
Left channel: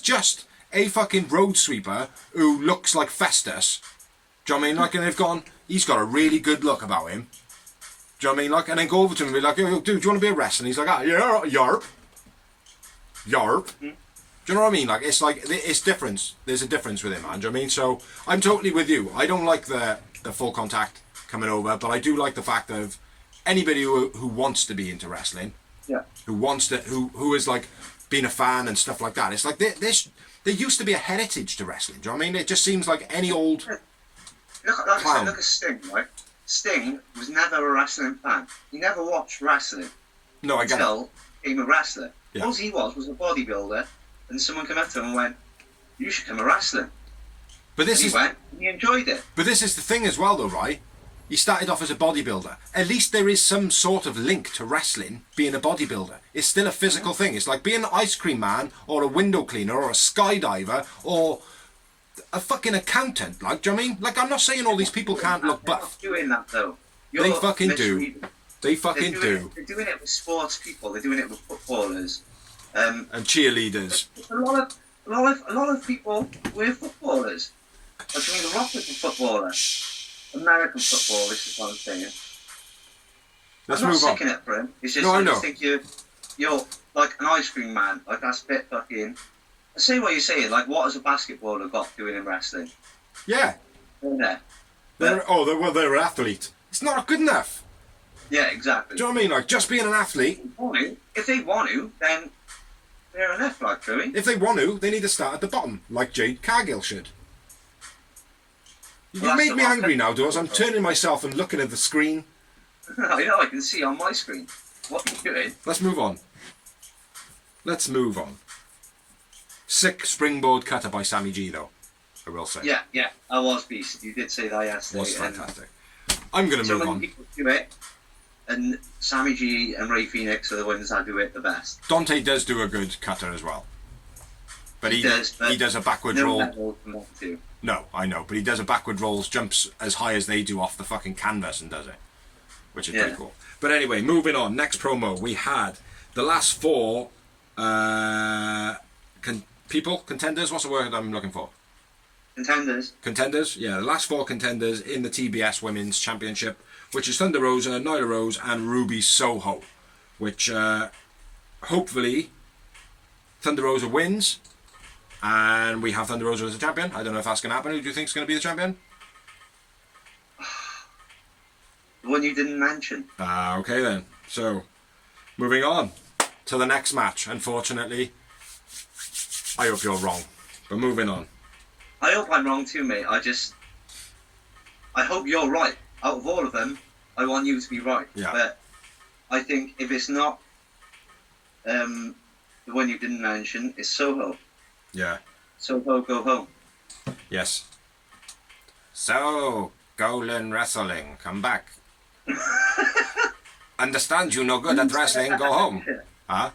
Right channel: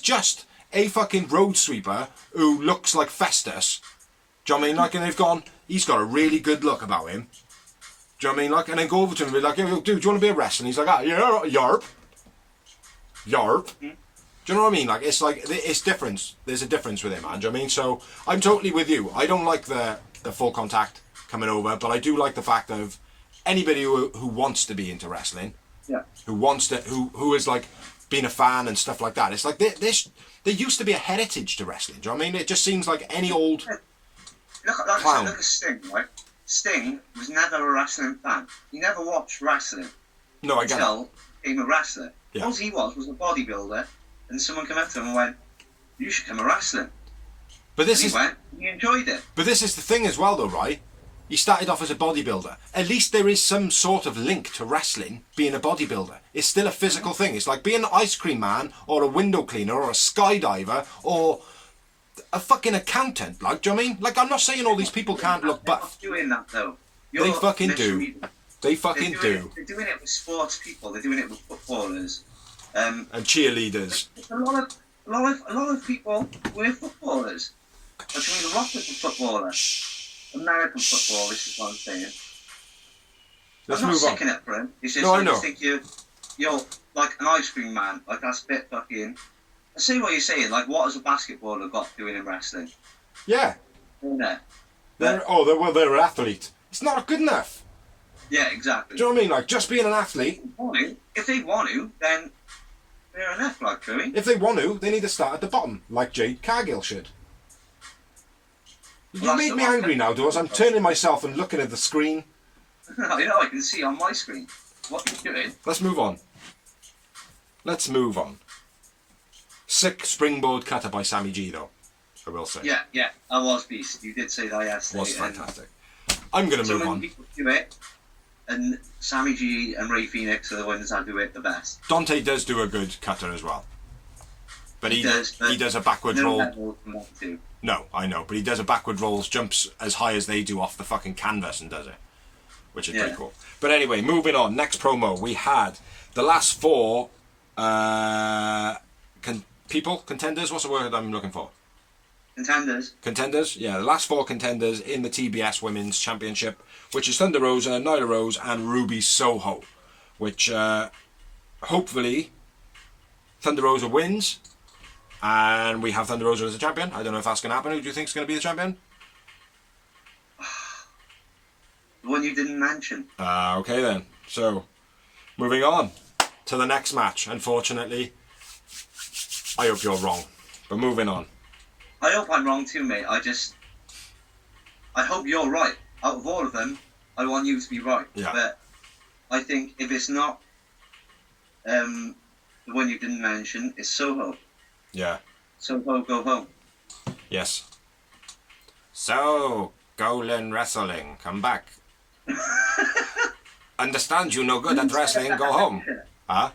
just a fucking road sweeper who looks like Festus, do you know what I mean? Like, and he's got a really good look about him. Do you know what I mean? Like, and then go over to him and be like, yo, dude, do you want to be a wrestler? And he's like, yeah, yarp. Mm-hmm. Do you know what I mean? Like, it's different. There's a difference with it, man. Do you know what I mean? So I'm totally with you. I don't like the full contact coming over, but I do like the fact of anybody who wants to be into wrestling, who is like being a fan and stuff like that. It's like there used to be a heritage to wrestling. Do you know what I mean? It just seems like any old clown. Look at Sting, right? Sting was never a wrestling fan. He never watched wrestling. No, I get it. Until he became a wrestler. Yeah. All he was a bodybuilder, and someone came up to him and went, "You should come a wrestling." But he enjoyed it. But this is the thing as well, though, right? He started off as a bodybuilder. At least there is some sort of link to wrestling being a bodybuilder. It's still a physical thing. It's like being an ice cream man or a window cleaner or a skydiver or a fucking accountant. Like, do you know what I mean? Like, I'm not saying all these people can't look buff. They're not doing that, though. They fucking do. They fucking do. They're doing it with sports people. They're doing it with footballers. And cheerleaders. A lot of people were footballers. I mean, Rock was a footballer. American football, this is what I'm saying. Let's I'm not move on. sicking it for him. It's just No, I I know. just think you're like an ice cream man. Like that's a bit fucking. I see what you're saying. Like, what has a basketballer got doing in wrestling? Yeah. Yeah. They're an athlete. It's not good enough. Yeah, exactly. Do you know what I mean? Like, just being an athlete. If they want to, then they're enough, like, Joey. If they want to, they need to start at the bottom, like Jade Cargill should. You make me angry now, Dawes. I'm turning myself and looking at the screen. I can see on my screen what you're doing. Let's move on. Sick springboard cutter by Sammy G, though, I will say. Yeah, I was beast. You did say that yesterday. Was fantastic. I'm going to move on. People do it, and Sammy G and Ray Phoenix are the ones that do it the best. Dante does do a good cutter as well. But he does a backward roll. No, I know, but he does a backward rolls, jumps as high as they do off the fucking canvas and does it, which is pretty cool. But anyway, moving on. Next promo, we had the last four contenders. What's the word I'm looking for? Contenders, yeah. The last four contenders in the TBS Women's Championship, which is Thunder Rosa, Nyla Rose, and Ruby Soho. Which hopefully Thunder Rosa wins. And we have Thunder Rosa as a champion. I don't know if that's going to happen. Who do you think is going to be the champion? The one you didn't mention. Okay then. So, moving on to the next match. Unfortunately, I hope you're wrong. But moving on. I hope I'm wrong too, mate. I hope you're right. Out of all of them, I want you to be right. Yeah. But I think if it's not the one you didn't mention, it's Soho. Yeah. Soho, go home. Yes. So, Golan Wrestling, come back. Understand you no good at wrestling, go home. Huh?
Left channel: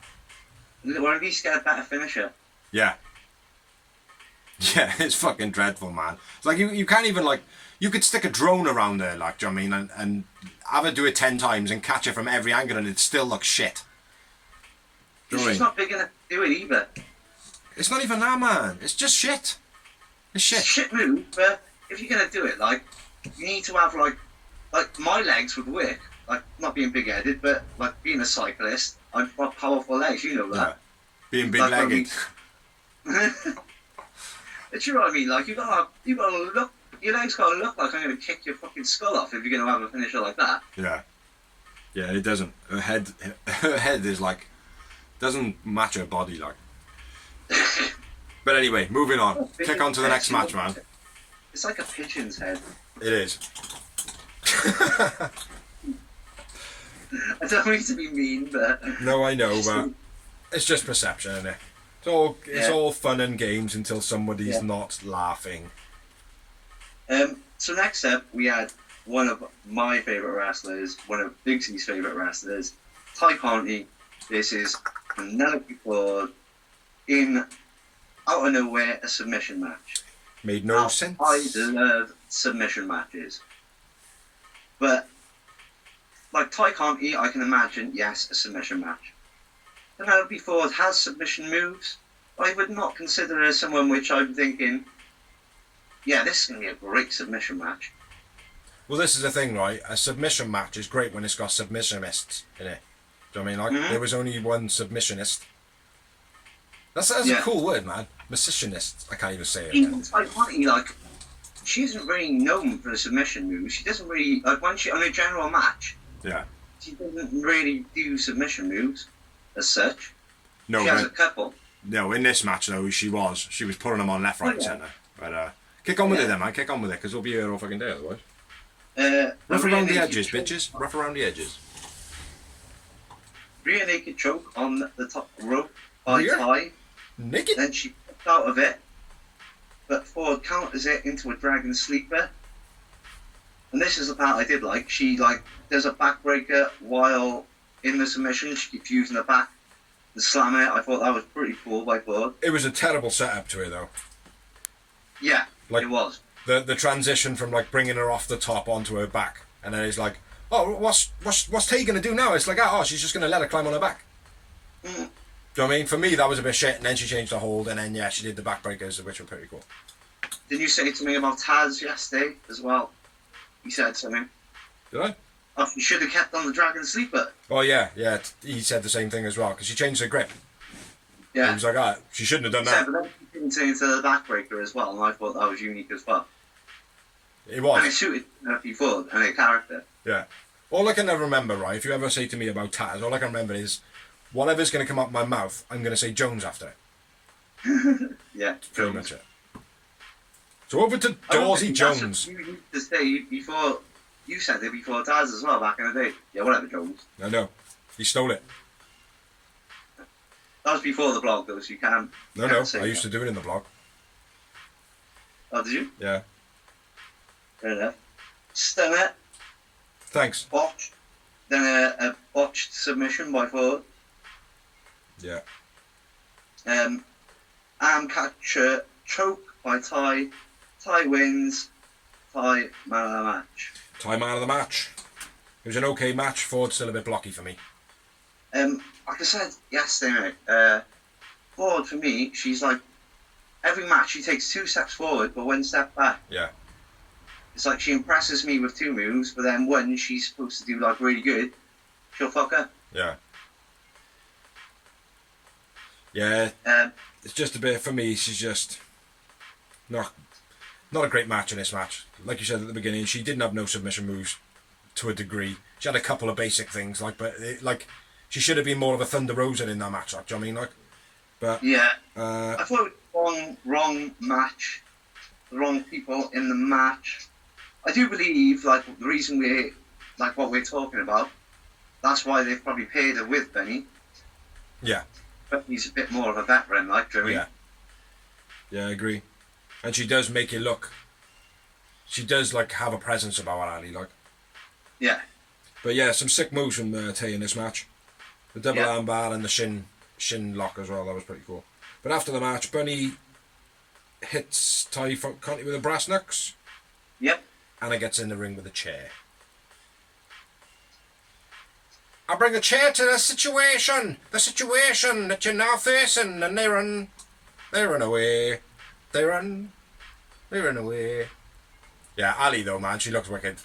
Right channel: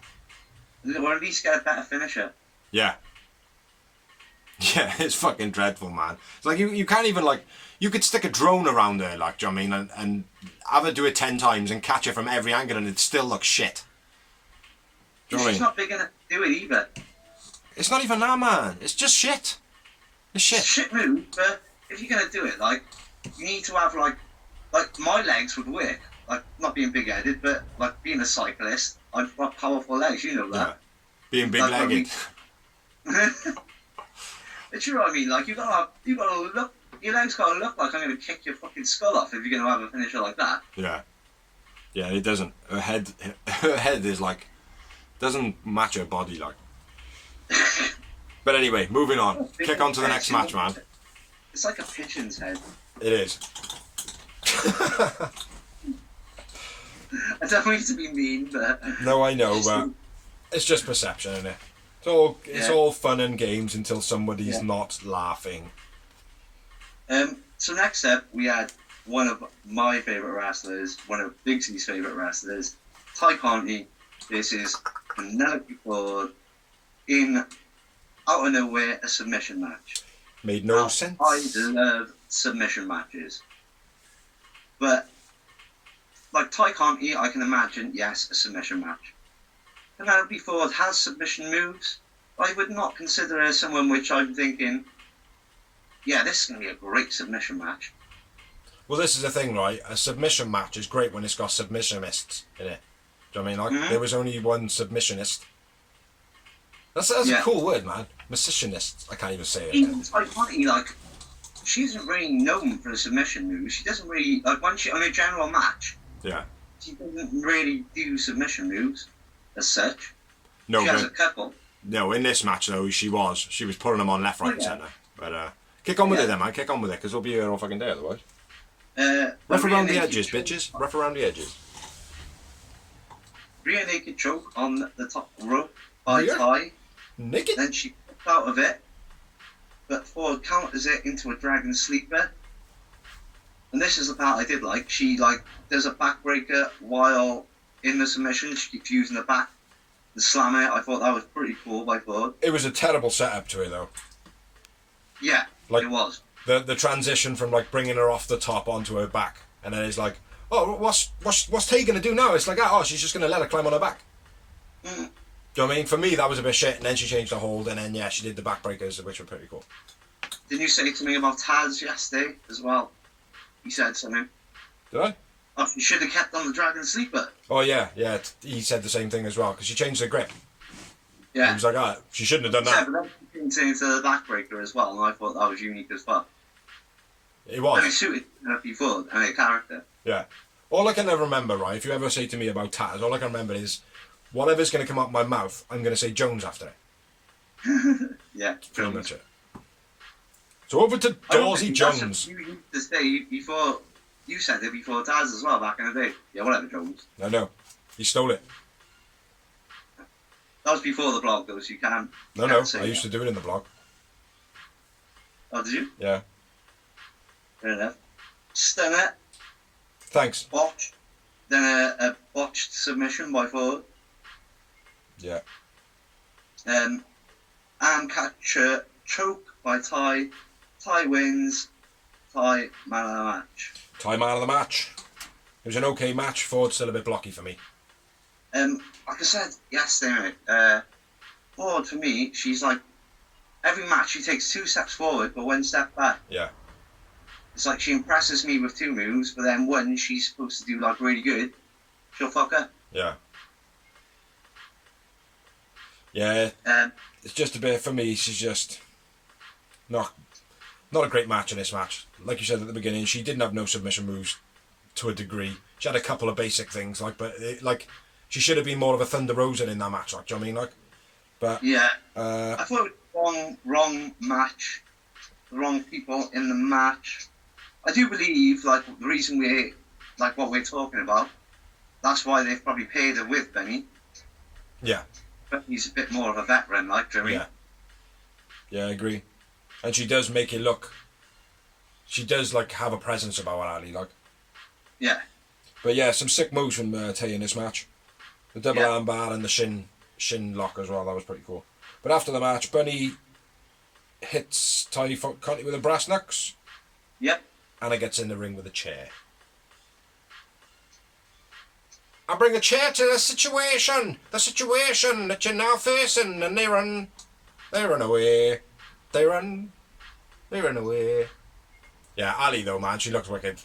Or at least get a better finisher. Yeah. Yeah, it's fucking dreadful, man. It's like you can't even, like, you could stick a drone around there, like, do you know what I mean? And have it do it 10 times and catch it from every angle and it still looks shit. Do you know what I mean? She's not big enough to do it either. It's not even that, man. It's just shit. It's shit. It's a shit move, but if you're going to do it, like, you need to have, like my legs would work. Like, not being big-headed, but, like, being a cyclist, I've got powerful legs, you know that. Yeah. Being big-legged. But you know what I mean? Like, you gotta look, your legs gotta look like I'm going to kick your fucking skull off if you're going to have a finisher like that. Yeah. Yeah, it doesn't. Her head is, like, doesn't match her body, like. But anyway, moving on. Kick on to the next match, man. It's like a pigeon's head. It is. I don't mean to be mean, but... No, I know, but it's just perception, isn't it? It's all fun and games until somebody's not laughing. So next up, we had one of my favourite wrestlers, one of Big C's favourite wrestlers, Ty Conti versus Penelope Ford in, out of nowhere, a submission match. Made no sense. I love submission matches. But, like Ty Conti, I can imagine, yes, a submission match. Penelope Ford has submission moves. I would not consider her someone which I'm thinking, yeah, this is going to be a great submission match. Well, this is the thing, right? A submission match is great when it's got submissionists in it. Do you know what I mean? Like, there was only one submissionist. That's a cool word, man. Missionist. I can't even say it. Even Ty Conti, like, she isn't really known for the submission moves. She doesn't really, like, when she, on a general match, she doesn't really do submission moves as such. No, she has a couple. No, in this match, though, she was pulling them on left, right, and centre. But, kick on with it then, man. Kick on with it, because we'll be here all fucking day otherwise. Rough around the edges, bitches. Rough around the edges. Rear naked choke on the top rope by Ty. Naked? Then she popped out of it, but Ford counters it into a dragon sleeper. And this is the part I did like. She, does a backbreaker while in the submission. She keeps using the back to slam it. I thought that was pretty cool by Ford. It was a terrible setup to it, though. Yeah, it was. The transition from bringing her off the top onto her back, and then it's like, oh, what's Tay gonna do now? It's like, oh, she's just gonna let her climb on her back. Do you know what I mean? For me, that was a bit shit, and then she changed the hold, and then she did the backbreakers, which were pretty cool. Didn't you say to me about Taz yesterday as well? He said something. Did I? Oh, you should have kept on the dragon sleeper. Oh yeah. He said the same thing as well because she changed her grip. Yeah. He was like, she shouldn't have done that. Yeah, but then she continued to the backbreaker as well, and I thought that was unique as well. It was. And it suited her before and her character. Yeah. All I can ever remember, right, if you ever say to me about Taz, all I can remember is whatever's going to come out my mouth, I'm going to say Jones after it. Yeah. That's pretty much it. So over to Dorsey Jones. You used to say before, you said it before Taz as well back in the day. Yeah, whatever, Jones. I know. He stole it. That was before the blog though, so you can't. No, I used to do it in the blog. Oh, did you? Yeah. Fair enough. Stunner. Thanks. Botched. Then a botched submission by Ford. Yeah. Arm catcher choke by Ty. Ty wins. Ty man of the match. Ty man of the match. It was an okay match. Ford's still a bit blocky for me. Like I said yesterday, mate, Ford for me, she's like every match she takes 2 steps forward but 1 step back. Yeah. It's like she impresses me with 2 moves, but then when she's supposed to do really good, she'll fuck up. Yeah. Yeah. It's just a bit for me. She's just not a great match in this match. Like you said at the beginning, she didn't have no submission moves to a degree. She had a couple of basic things, she should have been more of a Thunder Rosa in that match. Do you know what I mean? But yeah, I thought it was wrong match, the wrong people in the match. I do believe the reason what we're talking about, that's why they've probably paired her with Benny. Yeah. But he's a bit more of a veteran, do you know what I mean? Yeah, I agree. And she does make it look. She does have a presence about her, Ali. Yeah. But yeah, some sick moves from Tay in this match. The double arm bar and the shin lock as well. That was pretty cool. But after the match, Bunny hits Ty Conti with a brass knucks. Yep. Anna gets in the ring with a chair. I bring a chair to the situation that you're now facing, and they run away. They run away. Yeah, Ali though, man, she looks wicked.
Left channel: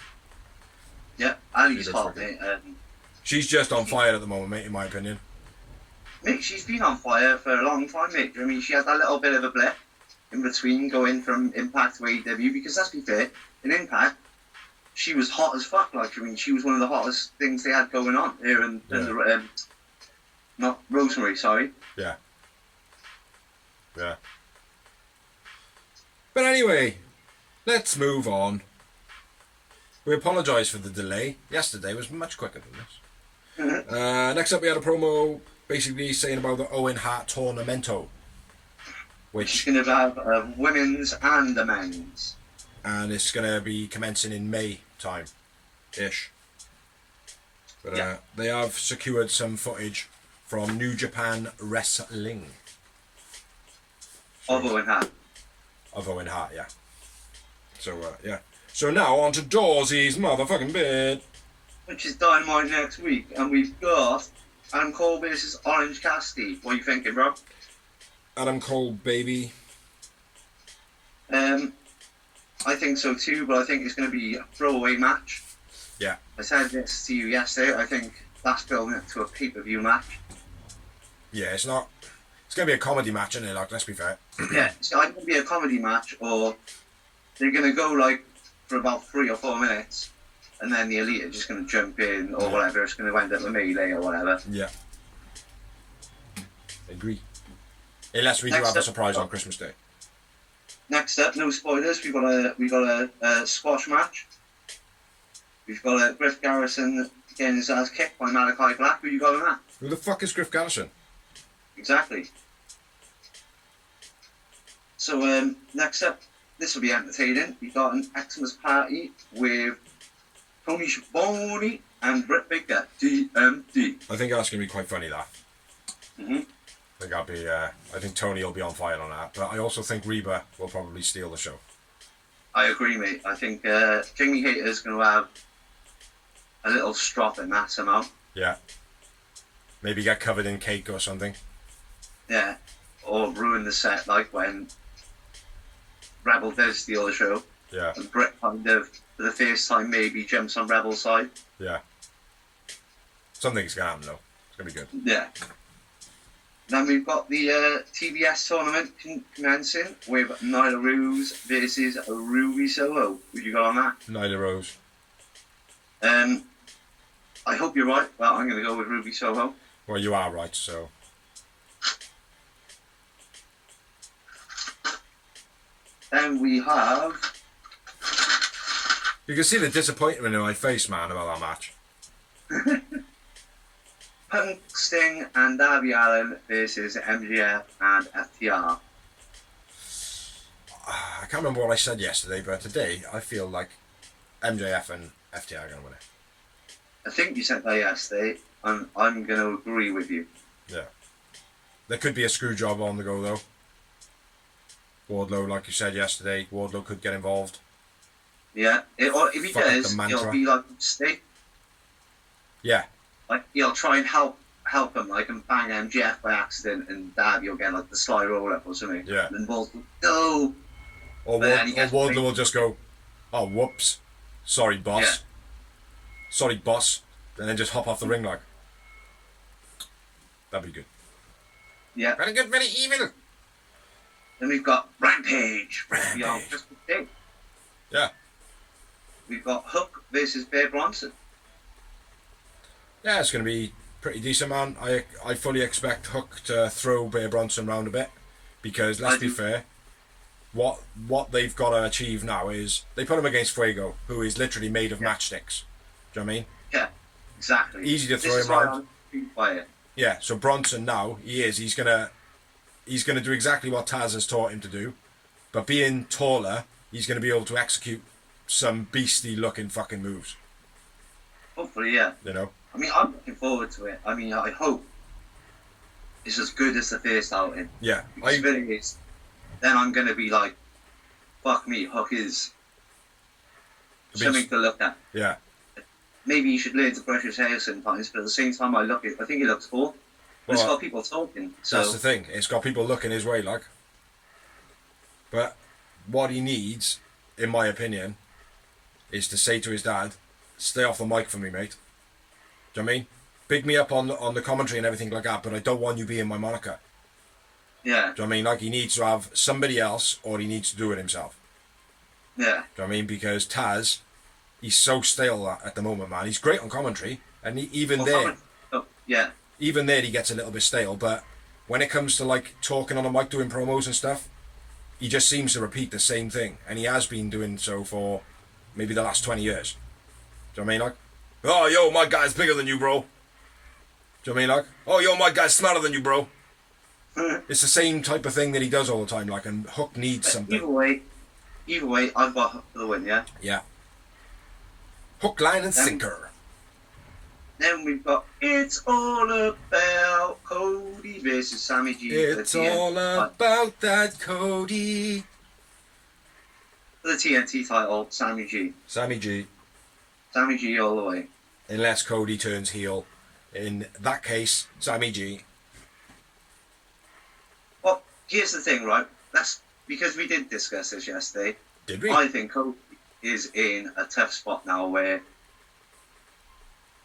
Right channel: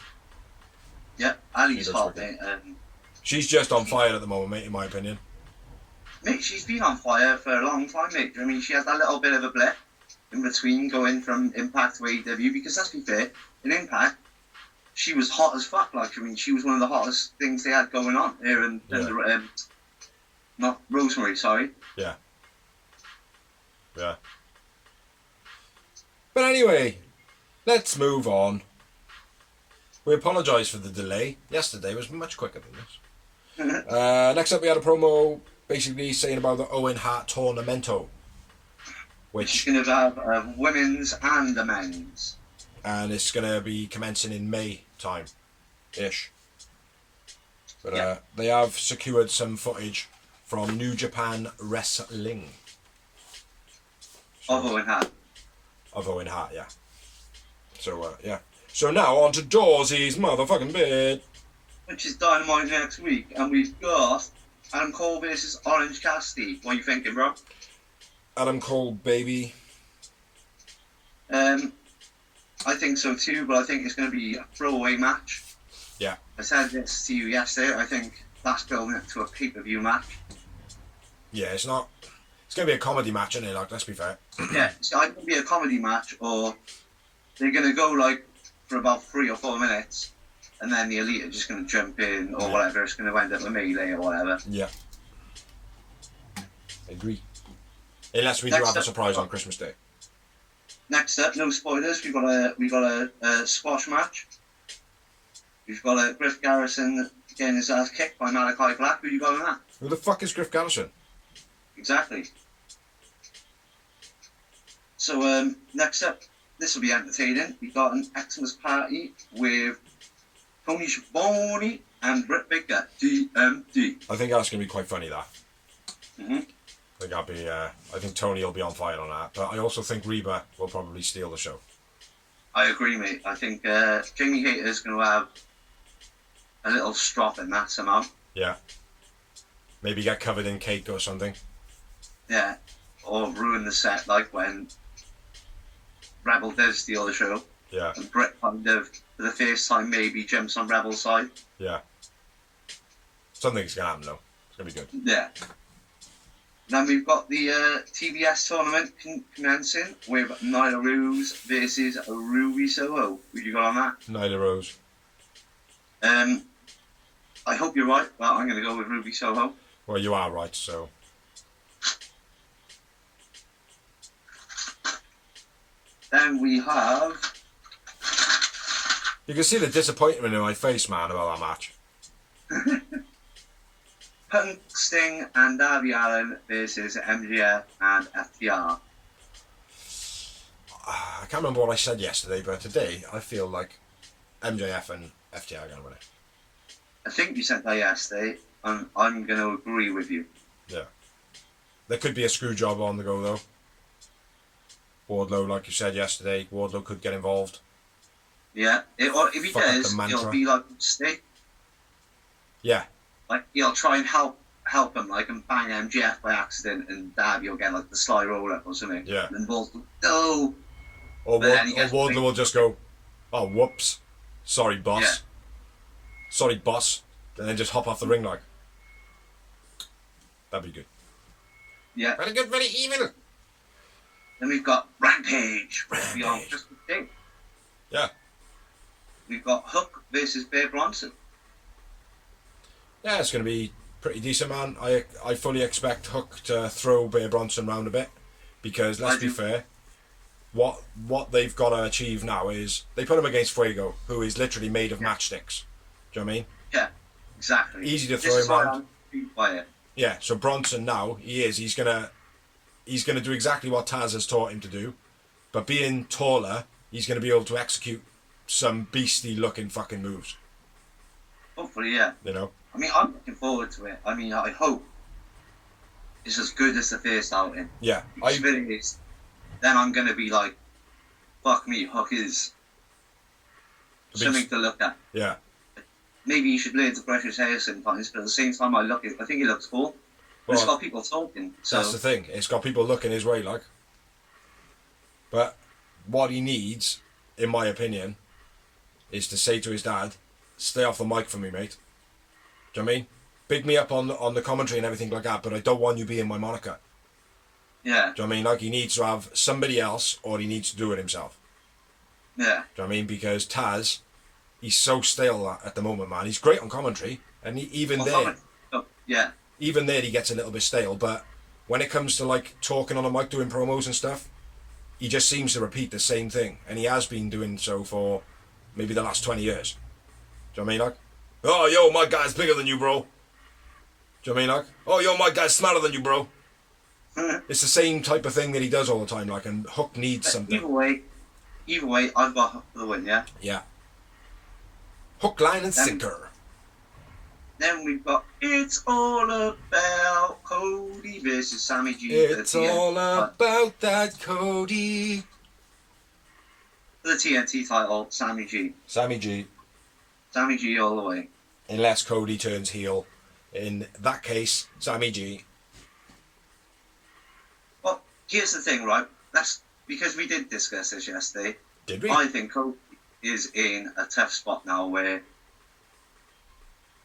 Yeah, Ali's hot, mate. She's just on fire at the moment, mate, in my opinion. Mate, she's been on fire for a long time, mate. I mean, she had that little bit of a blip in between going from Impact to AEW, because let's be fair, in Impact, she was hot as fuck. She was one of the hottest things they had going on here in not Rosemary, sorry. Yeah. Yeah. But anyway, let's move on. We apologise for the delay. Yesterday was much quicker than this. Next up, we had a promo basically saying about the Owen Hart Tournamento, Which is going to have a women's and a men's. And it's going to be commencing in May time-ish. But they have secured some footage from New Japan Wrestling. Of Owen Hart. Of Owen Hart, yeah. So, yeah. So now on to Dawsey's motherfucking bit. Which is Dynamite next week. And we've got Adam Cole versus Orange Cassidy. What are you thinking, bro? Adam Cole, baby. I think so too, but I think it's going to be a throwaway match. Yeah. I said this to you yesterday. I think that's building it to a pay-per-view match. Yeah, it's not... It's going to be a comedy match, isn't it? Like, let's be fair. Yeah, it's either going to be a comedy match, or they're going to go, like, for about 3 or 4 minutes, and then the Elite are just going to jump in, or whatever. It's going to end up a melee or whatever. Yeah. Agree. Unless we do have a surprise on Christmas Day. Next up, no spoilers. We've got a squash match. We've got a Griff Garrison getting his ass kicked by Malachi Black. Who you got on that? Who the fuck is Griff Garrison? Exactly. So next up, this will be entertaining. We got an Xmas party with Tony Schiavone and Britt Baker. DMD. I think that's going to be quite funny, that. Mm-hmm. I think I think Tony will be on fire on that, but I also think Reba will probably steal the show. I agree, mate. I think Jamie Hayter's going to have a little strop in that somehow. Yeah. Maybe get covered in cake or something. Yeah. Or ruin the set, like when Rebel does steal the show. Yeah. And Britt kind of, for the first time, maybe jumps on Rebel's side. Yeah. Something's going to happen, though. It's going to be good. Yeah. Then we've got the TBS tournament commencing with Nyla Rose versus Ruby Soho. What you got on that? Nyla Rose. I hope you're right. Well, I'm going to go with Ruby Soho. Well, you are right, so... Then we have... You can see the disappointment in my face, man, about that match. Punk, Sting and Darby Allin versus MJF and FTR. I can't remember what I said yesterday, but today I feel like MJF and FTR are going to win it. I think you said that yesterday, and I'm going to agree with you. Yeah. There could be a screw job on the go, though. Wardlow, like you said yesterday, Wardlow could get involved. Yeah, or if he does, it'll be like Sting. Yeah. Like, he'll try and help him, like, and bang MJF by accident, and Darby will get, like, the sly roll up or something. Yeah. And then Bulls will go. Or Wardlow will just go, oh, whoops. Sorry, boss. Yeah. Sorry, boss. And then just hop off the ring like. That'd be good. Yeah. Very good, very evil. Then we've got Rampage. Beyond Christmas Day. Yeah. We've got Hook versus Bear Bronson. Yeah, it's going to be pretty decent, man. I fully expect Hook to throw Bear Bronson round a bit because, let's be fair, what they've got to achieve now is they put him against Fuego, who is literally made of matchsticks. Do you know what I mean? Yeah, exactly. Easy to throw him around. By it. Yeah, so Bronson now, he's gonna do exactly what Taz has taught him to do, but being taller, he's gonna be able to execute some beastly looking fucking moves. Hopefully, yeah. You know? I mean, I'm looking forward to it. I mean, I hope it's as good as the first outing. Yeah. If it is, then I'm going to be like, fuck me, Hook is something to look at. Yeah. Maybe you should learn to brush his hair sometimes, but at the same time, I think he looks cool. But it's got people talking. So. That's the thing. It's got people looking his way, like. But what he needs, in my opinion, is to say to his dad, stay off the mic for me, mate. Do you know what I mean? Big me up on the commentary and everything like that, but I don't want you being my moniker. Yeah. Do you know what I mean? Like, he needs to have somebody else, or he needs to do it himself. Yeah. Do you know what I mean? Because Taz, he's so stale at the moment, man. He's great on commentary, and even there he gets a little bit stale, but when it comes to, like, talking on a mic, doing promos and stuff, he just seems to repeat the same thing, and he has been doing so for maybe the last 20 years. Do you know what I mean? Like, oh, yo, my guy's bigger than you, bro. Do you know what I mean? Like, oh, yo, my guy's smarter than you, bro. It's the same type of thing that he does all the time, like, and Hook needs something. Either way, I've got Hook for the win, yeah? Yeah. Hook, line, and sinker. Then we've got It's All About Cody versus Sammy G. It's all about that Cody. For the TNT title, Sammy G. Sammy G. Sammy G all the way. Unless Cody turns heel. In that case, Sammy G. Well, here's the thing, right? That's because we did discuss this yesterday. Did we? I think Cody is in a tough spot now where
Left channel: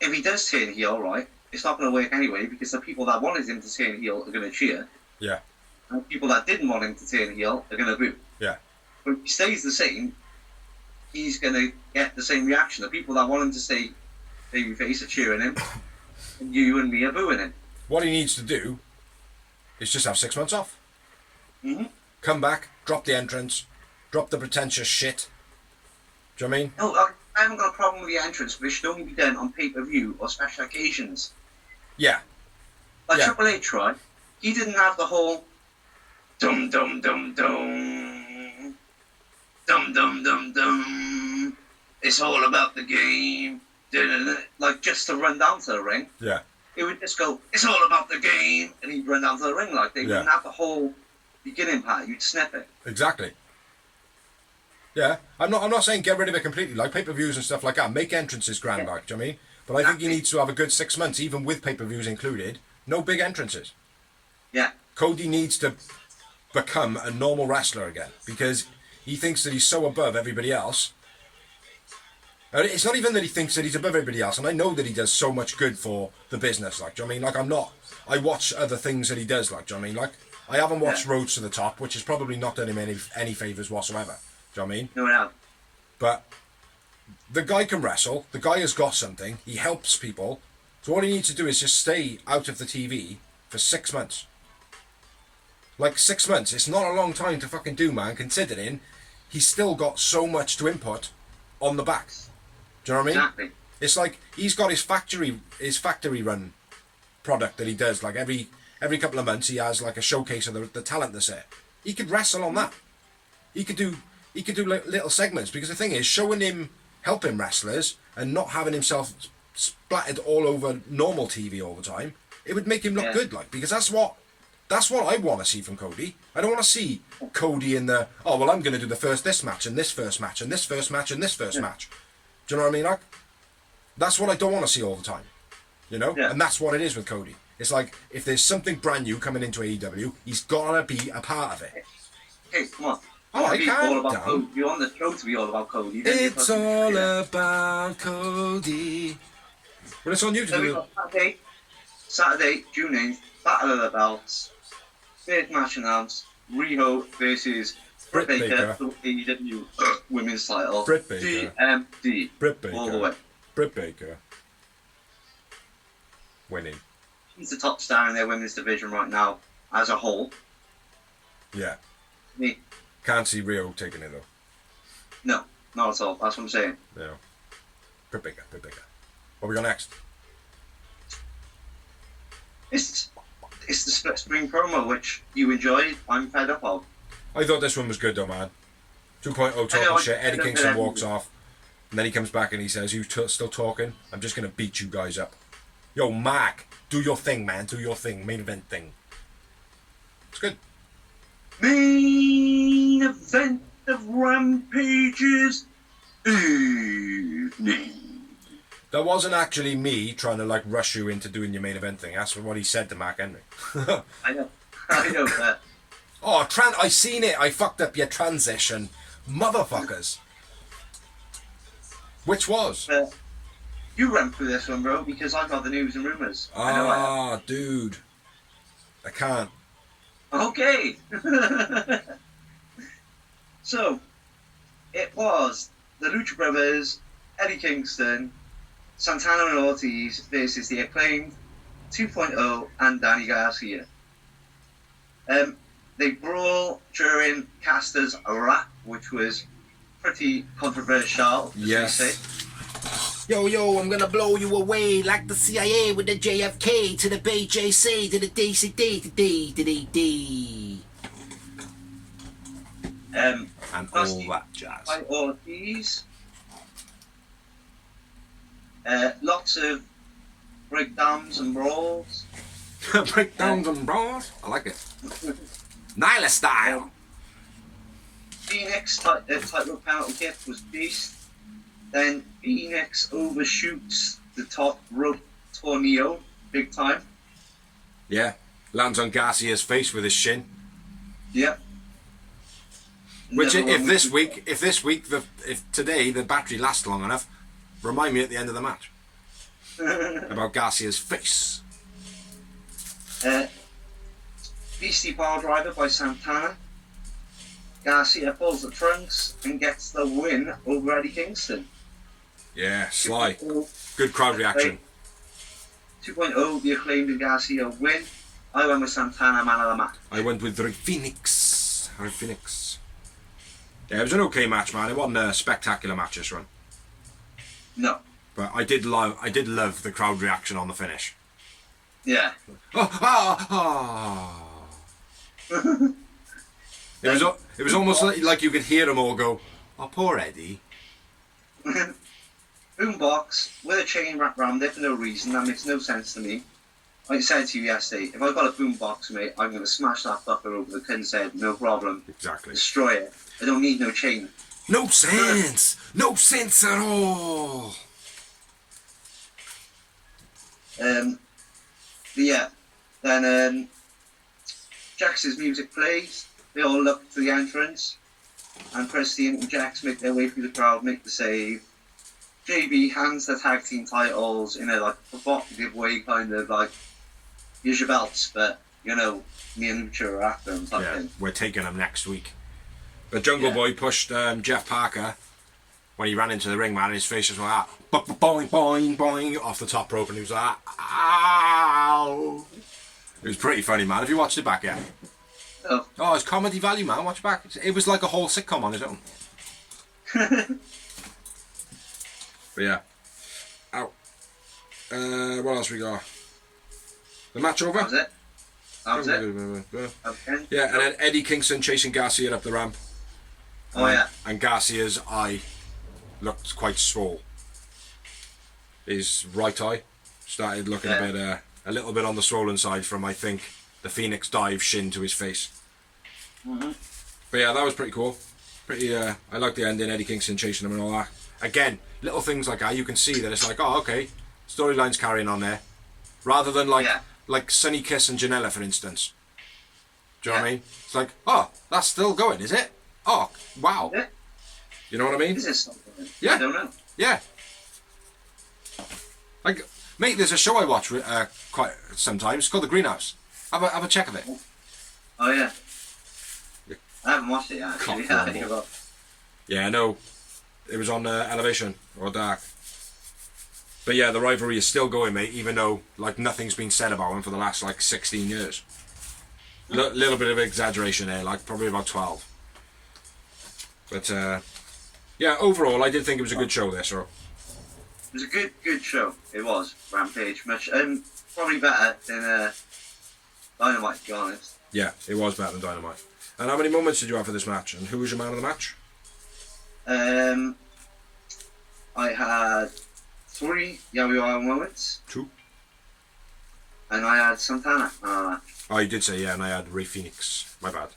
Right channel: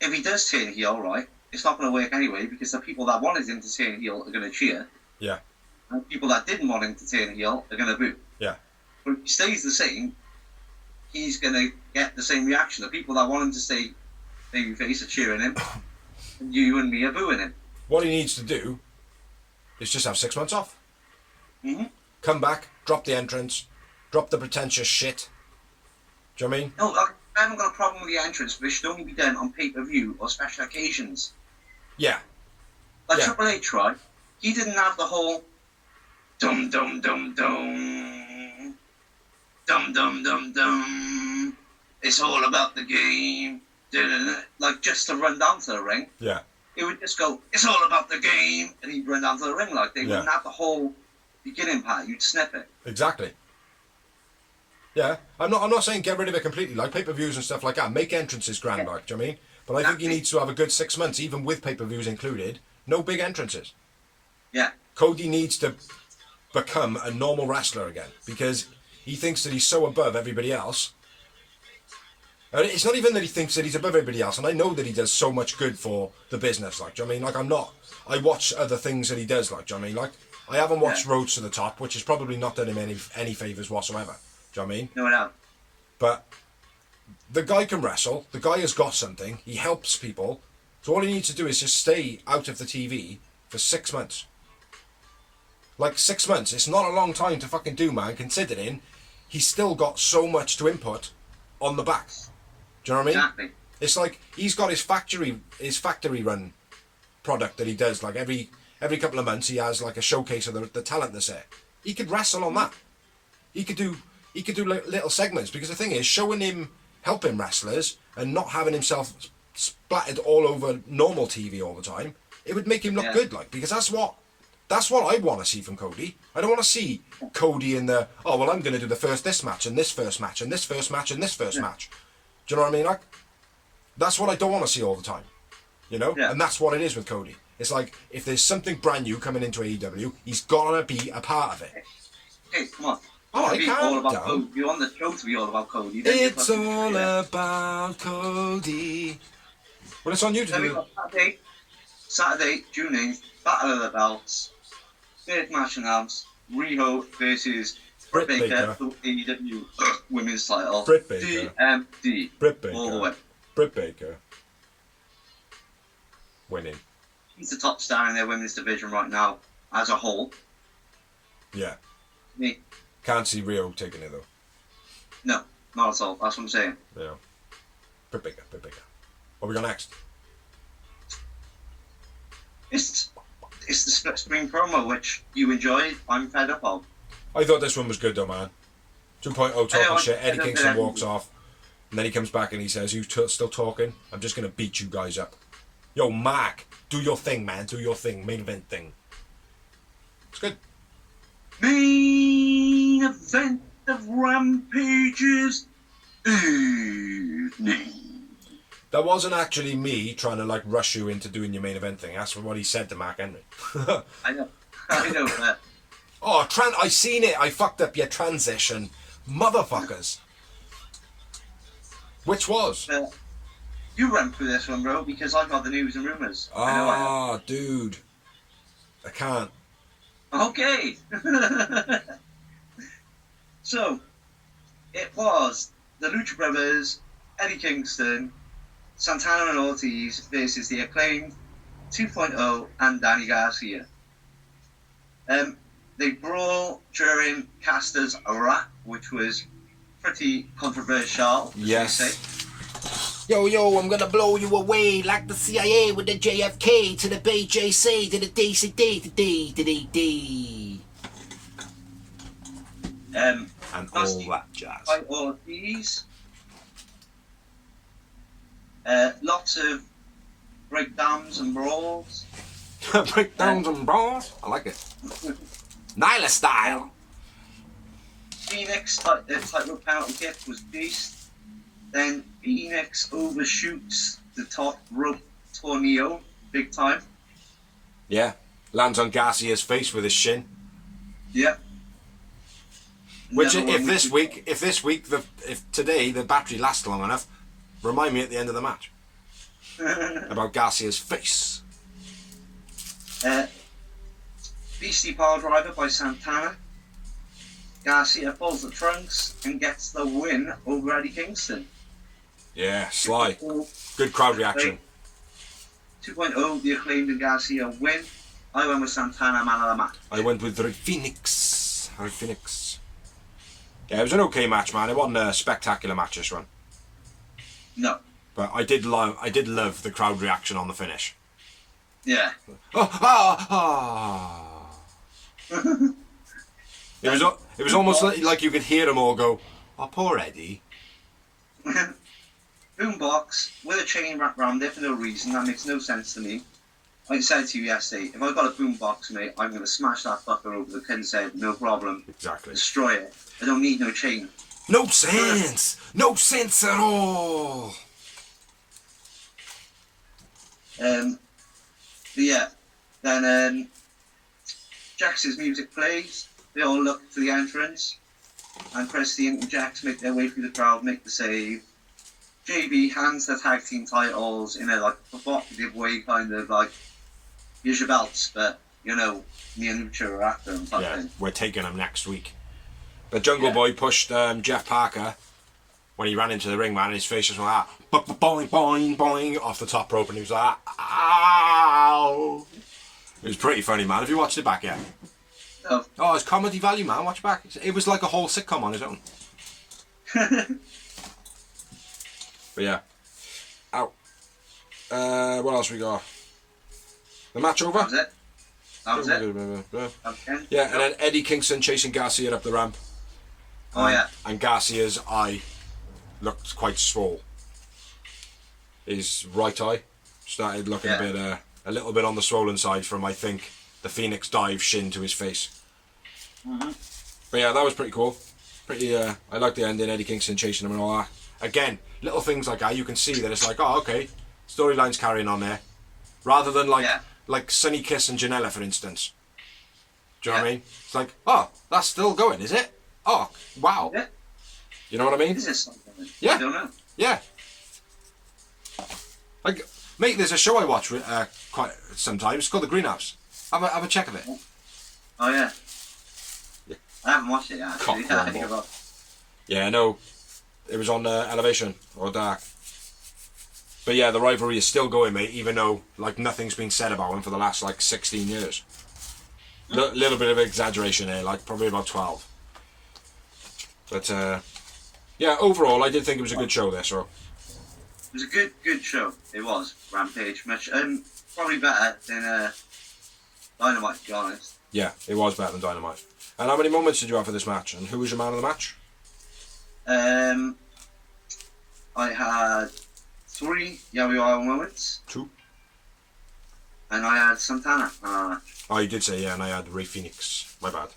if he does turn heel, right, it's not going to work anyway because the people that wanted him to turn heel are going to cheer. Yeah. And people that didn't want him to turn heel are going to boo. Yeah. But if he stays the same, he's going to get the same reaction. The people that want him to stay babyface are cheering him, and you and me are booing him. What he needs to do is just have 6 months off. Mm-hmm. Come back, drop the entrance, drop the pretentious shit. Do you know what I mean? No, I haven't got a problem with the entrance, but it should only be done on pay-per-view or special occasions. Yeah. Like Yeah. Triple H, right? He didn't have the whole dum dum dum dum dum dum dum dum. It's all about the game. Da-da-da. Like just to run down to the ring. Yeah. It would just go, it's all about the game, and he'd run down to the ring. Like they wouldn't have the whole beginning part. You'd snip it. Exactly. Yeah, I'm not saying get rid of it completely, like pay-per-views and stuff like that. Make entrances grand, like, do you know what I mean? But I think he needs to have a good 6 months, even with pay-per-views included. No big entrances. Yeah. Cody needs to become a normal wrestler again because he thinks that he's so above everybody else. It's not even that he thinks that he's above everybody else, and I know that he does so much good for the business, like, do you know what I mean? Like, I watch other things that he does, like, do you know what I mean? Like, I haven't watched Roads to the Top, which has probably not done him any favours whatsoever. Do you know what I mean? No, no. But the guy can wrestle. The guy has got something. He helps people. So all he needs to do is just stay out of the TV for 6 months. Like 6 months. It's not a long time to fucking do, man, considering he's still got so much to input on the back. Do you know what I mean? Exactly. It's like he's got his factory run product that he does. Like every couple of months he has like a showcase of the talent that's there. He could wrestle on that. He could do little segments because the thing is, showing him helping wrestlers and not having himself splattered all over normal TV all the time, it would make him look good, like, because that's what I want to see from Cody. I don't want to see Cody in the, oh well, I'm going to do this match and this first match and this first match and this first match. Do you know what I mean? Like, that's what I don't want to see all the time, you know. And that's what it is with Cody. It's like if there's something brand new coming into AEW, he's gotta be a part of it. Hey, come on. Oh, I can't. You want the show to be all about Cody. It's all about Cody. Well, it's on you to do. Saturday, June 8th, Battle of the Belts. Third match announced. Riho versus Britt Baker for AEW Women's title. Britt Baker. DMD. Britt Baker. All the way. Britt Baker. Winning. He's the top star in their women's division right now, as a whole. Yeah. Me. Can't see Rio taking it though. No, not at all. That's what I'm saying. Yeah. Britt Baker. What we got next? It's the split screen promo, which you enjoyed. I'm fed up of. I thought this one was good though, man. 2.0 talking shit. Eddie Kingston walks off, and then he comes back and he says, "You still talking? I'm just gonna beat you guys up." Yo, Mark, do your thing, man. Do your thing. Main event thing. It's good. Main event of Rampage's evening. That wasn't actually me trying to like rush you into doing your main event thing. That's what he said to Mark Henry. I know. But... Oh, I seen it. I fucked up your transition, motherfuckers. Which was? You run through this one, bro, because I got the news and rumours. Ah, dude. I can't. Okay. So, it was the Lucha Brothers, Eddie Kingston, Santana and Ortiz versus the Acclaimed 2.0 and Danny Garcia. They brawl during Caster's rap, which was pretty controversial, as Yes. they say. Yo, I'm gonna blow you away like the CIA with the JFK to the BJC to the DCD. And all that jazz. By Ortiz. Lots of breakdowns and brawls. Breakdowns and brawls. I like it. Nyla style. Phoenix title penalty kick was beast. Then Phoenix overshoots the top rope tornado big time. Yeah. Lands on Garcia's face with his shin. Yeah. Which, if today the battery lasts long enough, remind me at the end of the match about Garcia's face. Beastie Power Driver by Santana. Garcia pulls the trunks and gets the win over Eddie Kingston. Yeah, Sly. Good crowd reaction. 2.0, the Acclaimed and Garcia win. I went with Santana, man of the match. I went with Rey Fenix. Yeah, it was an okay match, man. It wasn't a spectacular match this run. No. But I did love the crowd reaction on the finish. Yeah. It was almost like you could hear them all go, "Oh, poor Eddie." Boombox with a chain wrapped around it for no reason. That makes no sense to me. Like I said to you yesterday, if I got a boombox, mate, I'm going to smash that fucker over the pin's head, no problem. Exactly. Destroy it. I don't need no chain. No sense. No sense at all. Yeah. Then Jax's music plays. They all look to the entrance. And Christian and Jax make their way through the crowd, make the save. JB hands the tag team titles in a like provocative way, kind of like, here's your belts, but you know, me and Lucha are after them. Yeah, we're taking them next week. But Jungle Boy pushed Jeff Parker when he ran into the ring, man, and his face just went like that, boing, boing, boing, off the top rope, and he was like, ow. It was pretty funny, man. Have you watched it back yet? Oh, it's comedy value, man. Watch it back. It was like a whole sitcom on its own. But yeah. Ow. What else we got? The match over? That was it. Okay. Yeah, and then Eddie Kingston chasing Garcia up the ramp. Oh, yeah. And Garcia's eye looked quite swole. His right eye started looking a little bit on the swollen side from, I think, the Phoenix dive shin to his face. Mm-hmm. But yeah, that was pretty cool. I like the ending, Eddie Kingston chasing him and all that. Again, little things like that, you can see that it's like, oh, okay, storyline's carrying on there. Rather than like Sunny Kiss and Janela, for instance. Do you know what I mean? It's like, oh, that's still going, is it? Oh, wow. Yeah. You know what I mean? Is this something? Yeah. I don't know. Yeah. Like, mate, there's a show I watch quite sometimes. It's called The Greenhouse. Have a check of it. Oh, yeah. I haven't watched it yet, actually. Yeah, no. It was on Elevation or Dark. But yeah, the rivalry is still going, mate, even though like nothing's been said about him for the last like 16 years. Little bit of exaggeration there, like probably about 12. But yeah, overall, I did think it was a good show there, so. It was a good show. It was Rampage much, probably better than Dynamite, to be honest. Yeah, it was better than Dynamite. And how many moments did you have for this match? And who was your man of the match? I had 3 Yaoi moments. 2. And I had Santana. Oh, you did say, yeah, and I had Rey Fenix. My bad.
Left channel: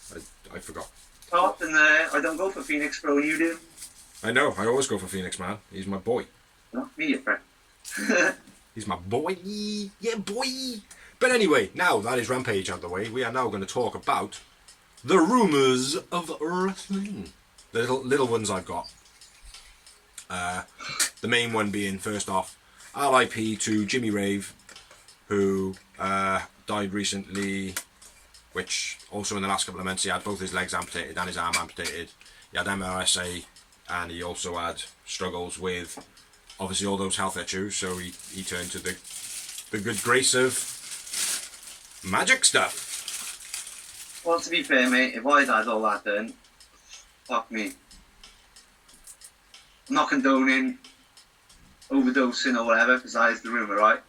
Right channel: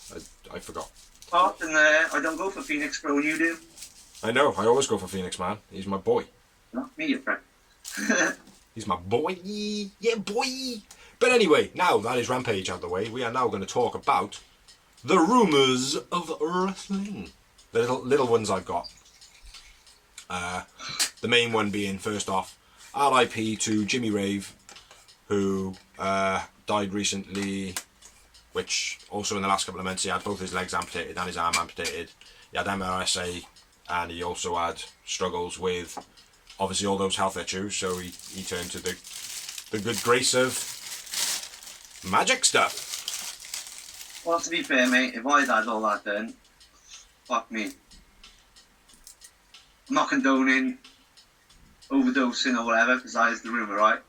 I forgot. Often I don't go for Phoenix, bro, when you do. I know, I always go for Phoenix, man. He's my boy. Not me, you prick. He's my boy. Yeah, boy. But anyway, now that is Rampage out of the way, we are now going to talk about the rumours of wrestling. The little ones I've got. The main one being, first off, RIP to Jimmy Rave, who died recently, which also in the last couple of months he had both his legs amputated and his arm amputated. He had MRSA, and he also had struggles with obviously all those health issues, so he turned to the good grace of magic stuff. Well, to be fair, mate, if I'd had all that done, fuck me. I'm not condoning overdosing or whatever, because that is the rumour, right?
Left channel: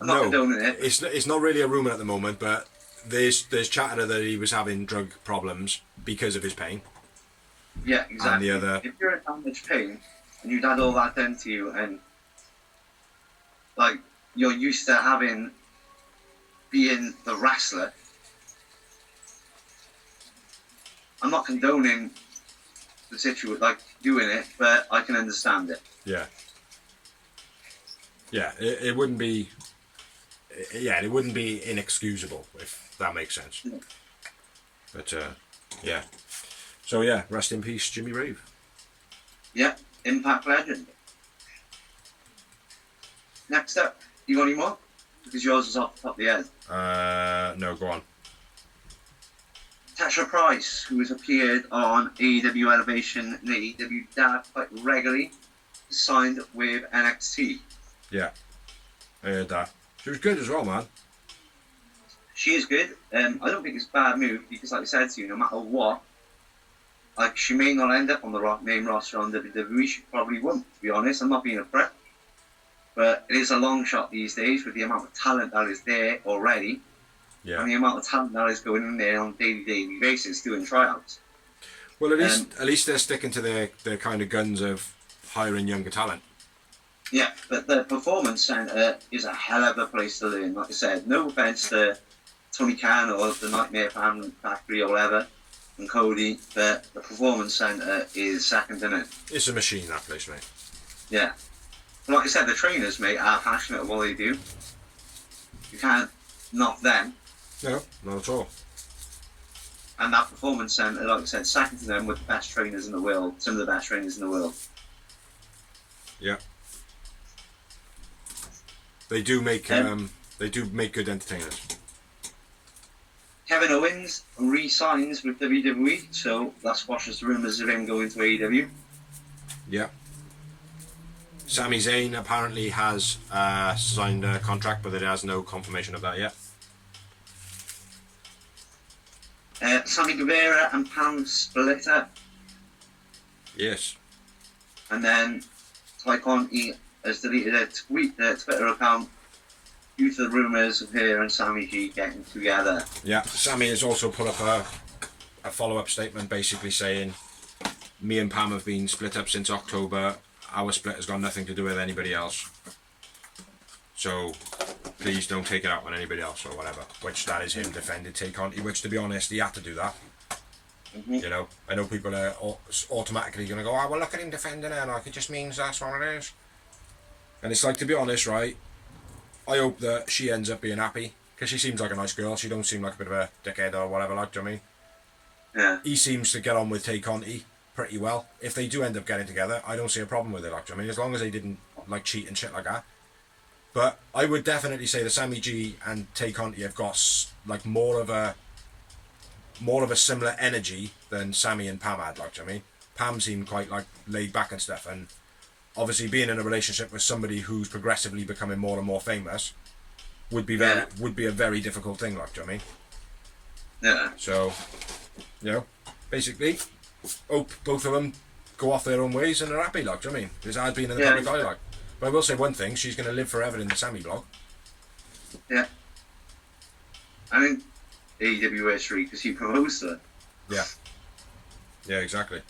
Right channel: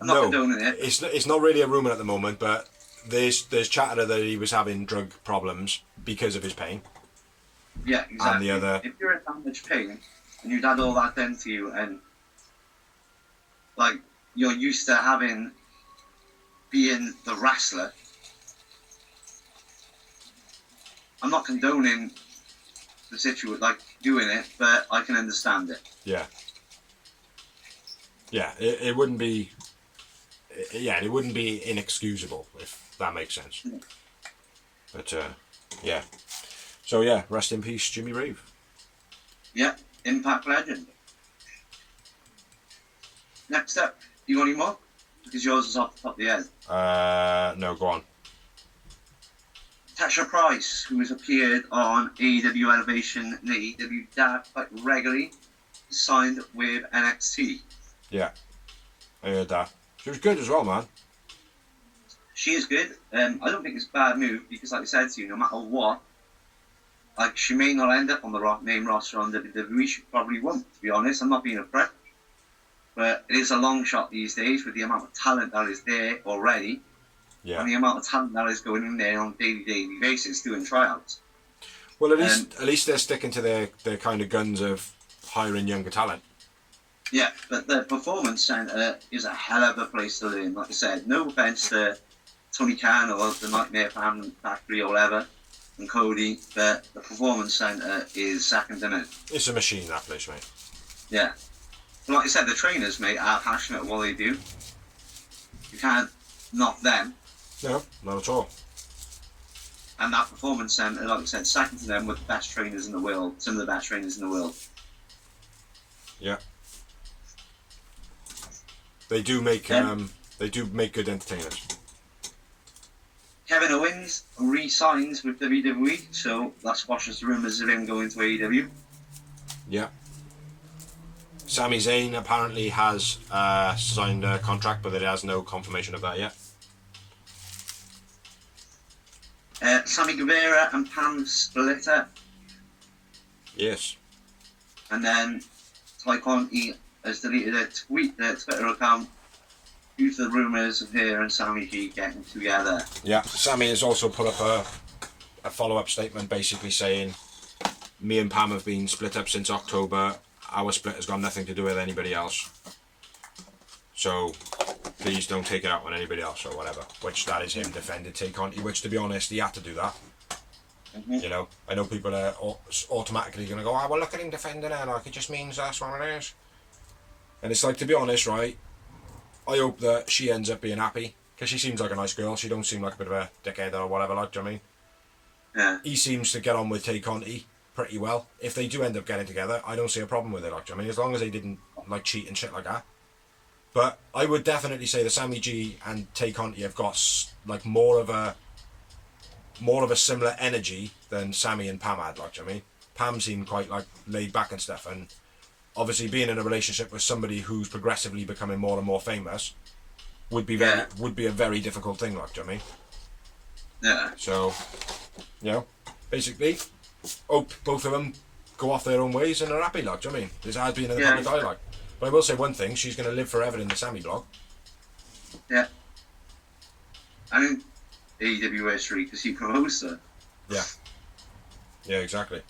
I'm not condoning it. It's not really a rumour at the moment, but there's chatter that he was having drug problems because of his pain. Yeah, exactly. And the other... If you're in that much pain, and you've had all that done to you, and, like, you're used to being the wrestler, I'm not condoning the situation, like, doing it, but I can understand it. Yeah. Yeah, it wouldn't be... Yeah, it wouldn't be inexcusable, if that makes sense. Yeah. But, yeah. So, yeah, rest in peace, Jimmy Rave. Yeah, Impact legend. Next up, you got any more? Because yours is off the top of the head. No, go on. Tasha Price, who has appeared on AEW Elevation and AEW Dark quite regularly, signed with NXT. Yeah, I heard that. She was good as well, man. She is good. I don't think it's a bad move because, like I said to you, no matter what, like she may not end up on the main roster on WWE. She probably won't, to be honest. I'm not being a prick. But it is a long shot these days with the amount of talent that is there already. Yeah. And the amount of talent that is going in there on a daily basis doing tryouts. Well, at least they're sticking to their kind of guns of hiring younger talent. Yeah, but the Performance Centre is a hell of a place to learn. Like I said, no offence to Tony Khan or the Nightmare Factory or whatever, and Cody, but the Performance Centre is second to none. It's a machine, that place, mate. Yeah. Like I said, the trainers, mate, are passionate at what they do. You can't knock them. No, not at all. And that Performance Centre, like I said, second to them with the best trainers in the world, some of the best trainers in the world. Yeah. They do make good entertainers. Kevin Owens re-signs with WWE, so that squashes the rumours of him going to AEW. Yeah. Sami Zayn apparently has signed a contract, but it has no confirmation of that yet. Sammy Guevara and Pam split up. Yes. And then Ty Conti has deleted a tweet, their Twitter account, due to the rumours of her and Sammy G getting together. Yeah, Sammy has also put up a follow-up statement basically saying, me and Pam have been split up since October. Our split has got nothing to do with anybody else. So please don't take it out on anybody else or whatever. Which that is him defending Tay Conti, which to be honest, he had to do that. Mm-hmm. You know, I know people are automatically going to go, oh, well, look at him defending her, like it just means that's what it is. And it's like, to be honest, right, I hope that she ends up being happy, because she seems like a nice girl. She don't seem like a bit of a dickhead or whatever, like, do you know what I mean? Yeah. He seems to get on with Tay Conti pretty well. If they do end up getting together, I don't see a problem with it, like, do you know what I mean? As long as they didn't, like, cheat and shit like that. But I would definitely say that Sammy G and Tay Conti have got, like, more of a similar energy than Sammy and Pam had, like, do you know what I mean? Pam seemed quite, like, laid back and stuff, and obviously being in a relationship with somebody who's progressively becoming more and more famous would be a very difficult thing, like, do you know what I mean? Yeah. So, you know, basically, hope both of them go off their own ways and are happy, like, do you know what I mean? It's hard being in the public eye, like. But I will say one thing, she's going to live forever in the Sammy blog. Yeah. I mean, AEW history, because he proposed her. Yeah. Yeah, exactly.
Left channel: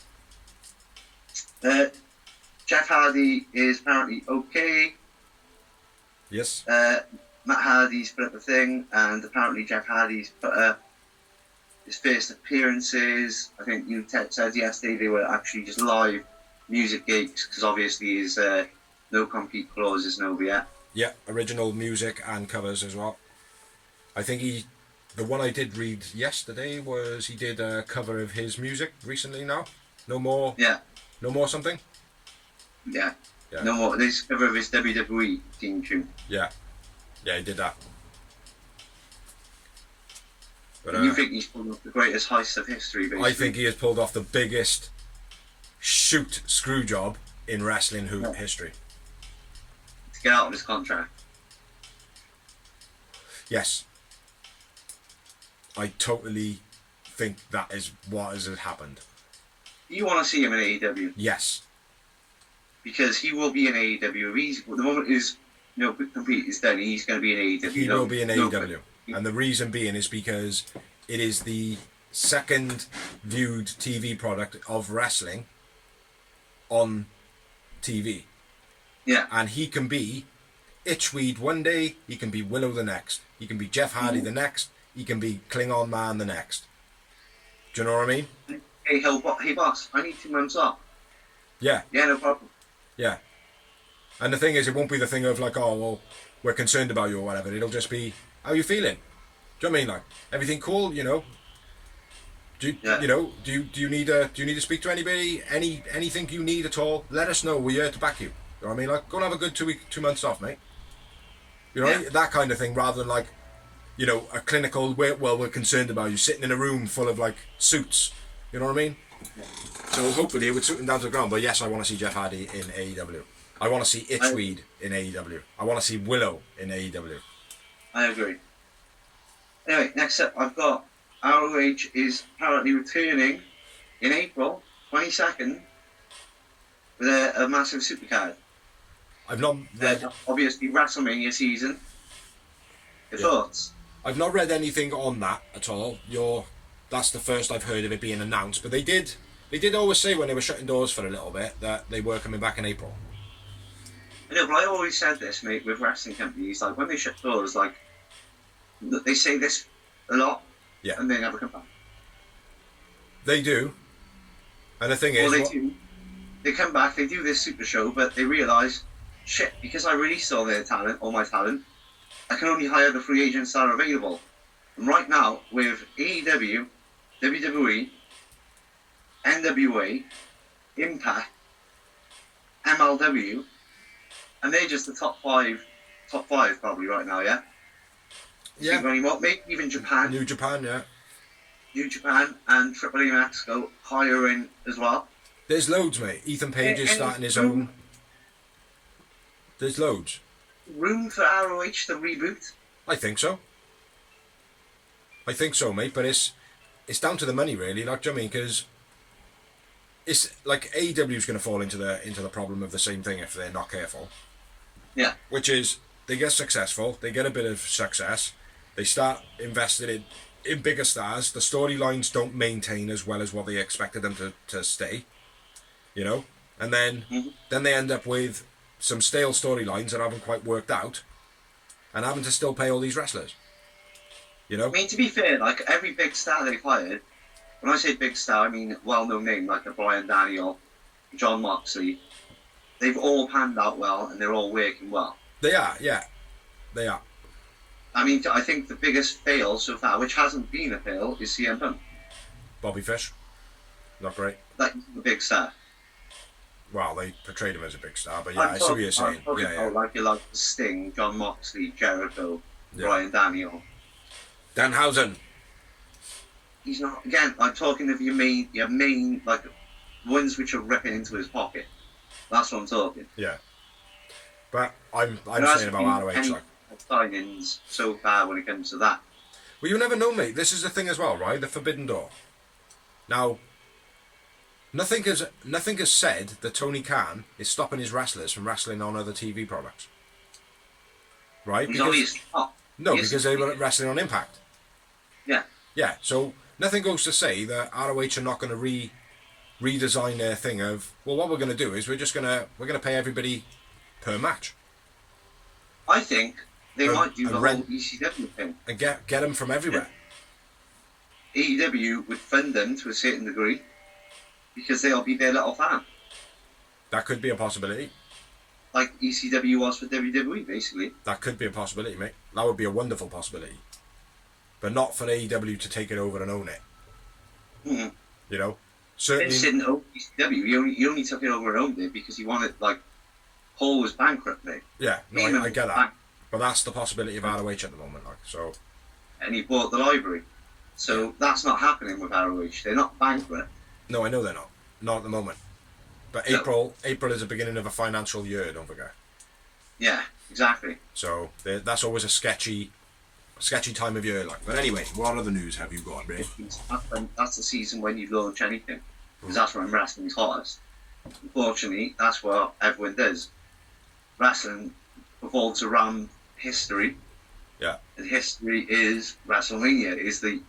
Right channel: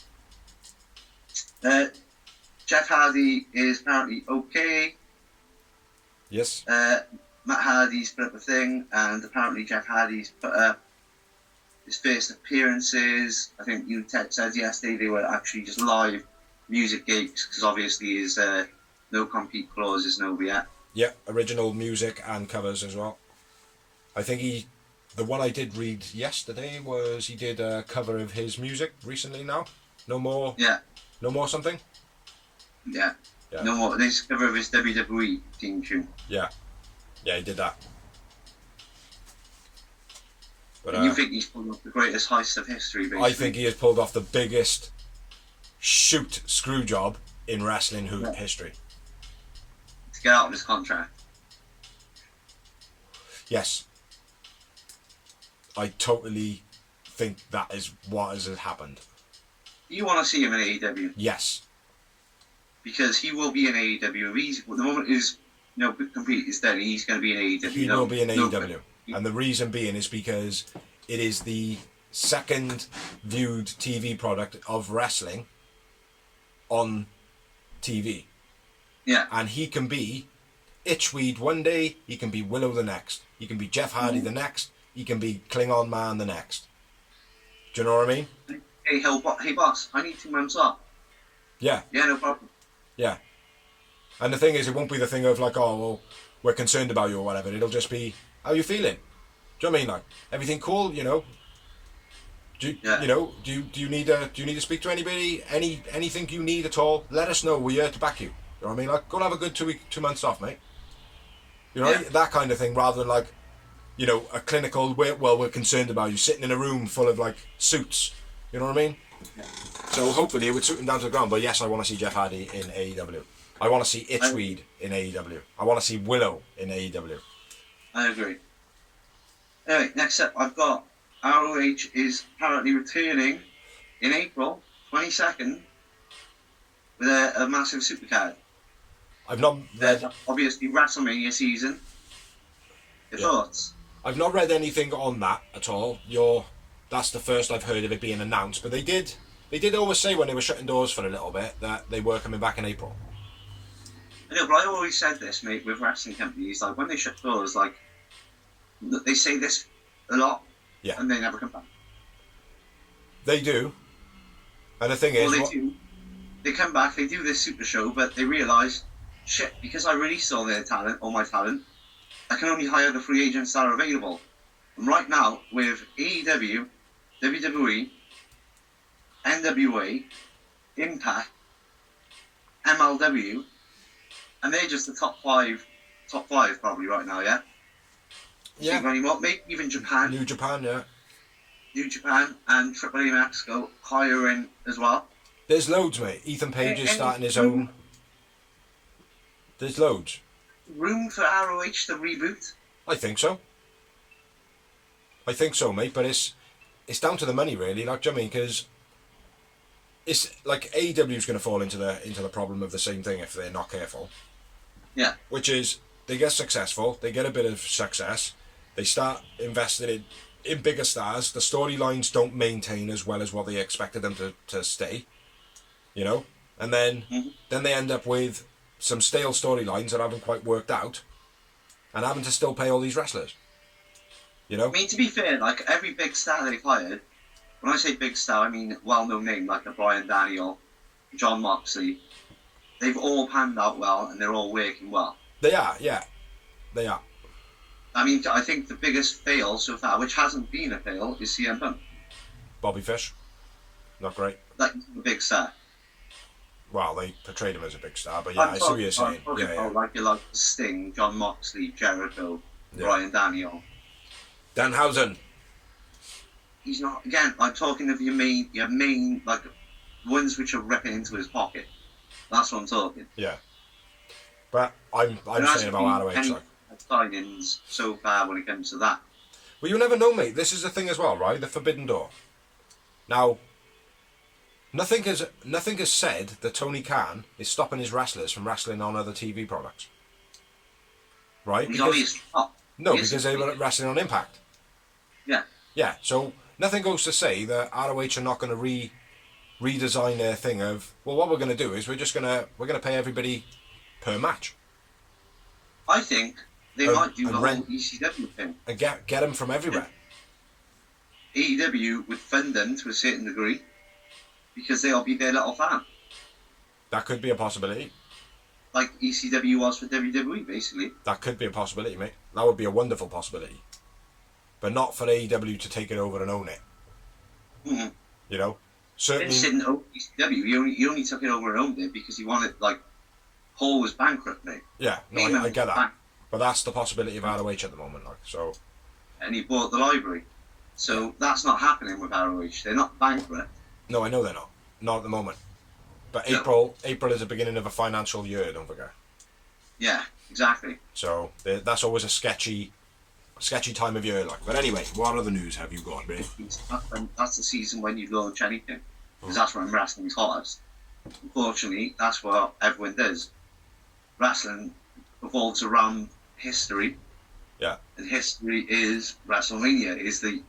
Jeff Hardy is apparently okay. Yes. Matt Hardy's put up a thing, and apparently Jeff Hardy's put up his first appearances. I think you said yesterday they were actually just live music gigs, because obviously his no compete clause isn't over yet. Yeah, original music and covers as well. I think the one I did read yesterday was he did a cover of his music recently now. No more. Yeah. No more something. Yeah. No more. This cover of his WWE theme tune. Yeah. Yeah, he did that. But you think he's pulled off the greatest heist of history, basically? I think he has pulled off the biggest shoot screw job in wrestling history. To get out of his contract. Yes. I totally think that is what has happened. You want to see him in AEW? Yes. Because he will be in AEW. The moment his compete is done, he's going to be in AEW. He will be in AEW. And the reason being is because it is the second viewed TV product of wrestling on TV. Yeah. And he can be Itchweed one day, he can be Willow the next, he can be Jeff Hardy the next, he can be Klingon Man the next. Do you know what I mean? Hey boss, I need 2 months off. Yeah. Yeah, no problem. Yeah. And the thing is, it won't be the thing of like, oh, well, we're concerned about you or whatever. It'll just be, how are you feeling? Do you know what I mean? Like, everything cool, you know? Do you need to speak to anybody? Anything you need at all? Let us know. We're here to back you. You know what I mean? Like, go and have a good 2 months off, mate. You know, that kind of thing, rather than like, you know, a clinical, we're concerned about you, sitting in a room full of like suits. You know what I mean? Yeah. So hopefully it would suit him down to the ground. But yes, I want to see Jeff Hardy in AEW. I want to see Itchweed in AEW. I want to see Willow in AEW. I agree. Anyway, next up, I've got ROH is apparently returning in April 22nd with a massive supercard. I've not read... Obviously, WrestleMania season. Your thoughts? I've not read anything on that at all. That's the first I've heard of it being announced. But they did always say when they were shutting doors for a little bit that they were coming back in April. I know, but I always said this, mate, with wrestling companies. Like, when they shut doors, like, they say this a lot, and they never come back. They do. And the thing is... Well, do. They come back, they do this super show, but they realise, shit, because I released all my talent, I can only hire the free agents that are available. And right now, with AEW, WWE, NWA, Impact, MLW, and they're just the top five probably right now, yeah? Yeah. Maybe even Japan. New Japan, yeah. New Japan and Triple A Mexico hiring as well. There's loads, mate. Ethan Paige is starting his own. There's loads. Room for ROH to reboot? I think so. Mate. But it's down to the money, really. Like, do you know what I mean? Because it's like AEW's going to fall into the problem of the same thing if they're not careful. Yeah. Which is they get successful, they get a bit of success, they start investing in bigger stars. The storylines don't maintain as well as what they expected them to stay. You know, and then they end up with some stale storylines that haven't quite worked out, and having to still pay all these wrestlers. You know. I mean, to be fair, like every big star they've hired, when I say big star, I mean well-known name like a Bryan Daniel, John Moxley. They've all panned out well, and they're all working well. They are, yeah, they are. I mean, I think the biggest fail so far, which hasn't been a fail, is CM Punk. Bobby Fish, not great. Like a big star. Well, they portrayed him as a big star, but yeah, I see what you're saying. Yeah. Like you like Sting, John Moxley, Jericho, Bryan Daniel, Danhausen. He's not. Again, I'm talking of your main like ones which are ripping into his pocket. That's what I'm talking. Yeah. But I'm saying about ROH like signings so far when it comes to that. Well, you never know, mate. This is the thing as well, right? The Forbidden Door. Now, nothing has said that Tony Khan is stopping his wrestlers from wrestling on other TV products. Right? Because they were wrestling on Impact. Yeah. Yeah. So nothing goes to say that ROH are not going to redesign their thing of, well, what we're going to do is we're going to pay everybody per match. I think they might do the whole ECW thing and get them from everywhere. AEW would fund them to a certain degree because they'll be their little fan. That could be a possibility. Like ECW was for WWE, basically. That could be a possibility, mate. That would be a wonderful possibility. But not for AEW to take it over and own it. Mm-hmm. You know? Certainly. Vince didn't own ECW. He only took it over and owned it because he wanted, like, Paul was bankrupt, mate. Yeah, no, I get that. But that's the possibility of ROH at the moment, like, so. And he bought the library. So that's not happening with ROH. They're not bankrupt. No, I know they're not. Not at the moment. But April is the beginning of a financial year, don't forget. Yeah, exactly. So that's always a sketchy sketchy time of year, like. But anyway, what other news have you got, mate? That's the season when you launch anything, because that's when wrestling's hottest. Unfortunately, that's what everyone does. Wrestling revolves around history. Yeah. And history is WrestleMania. Is the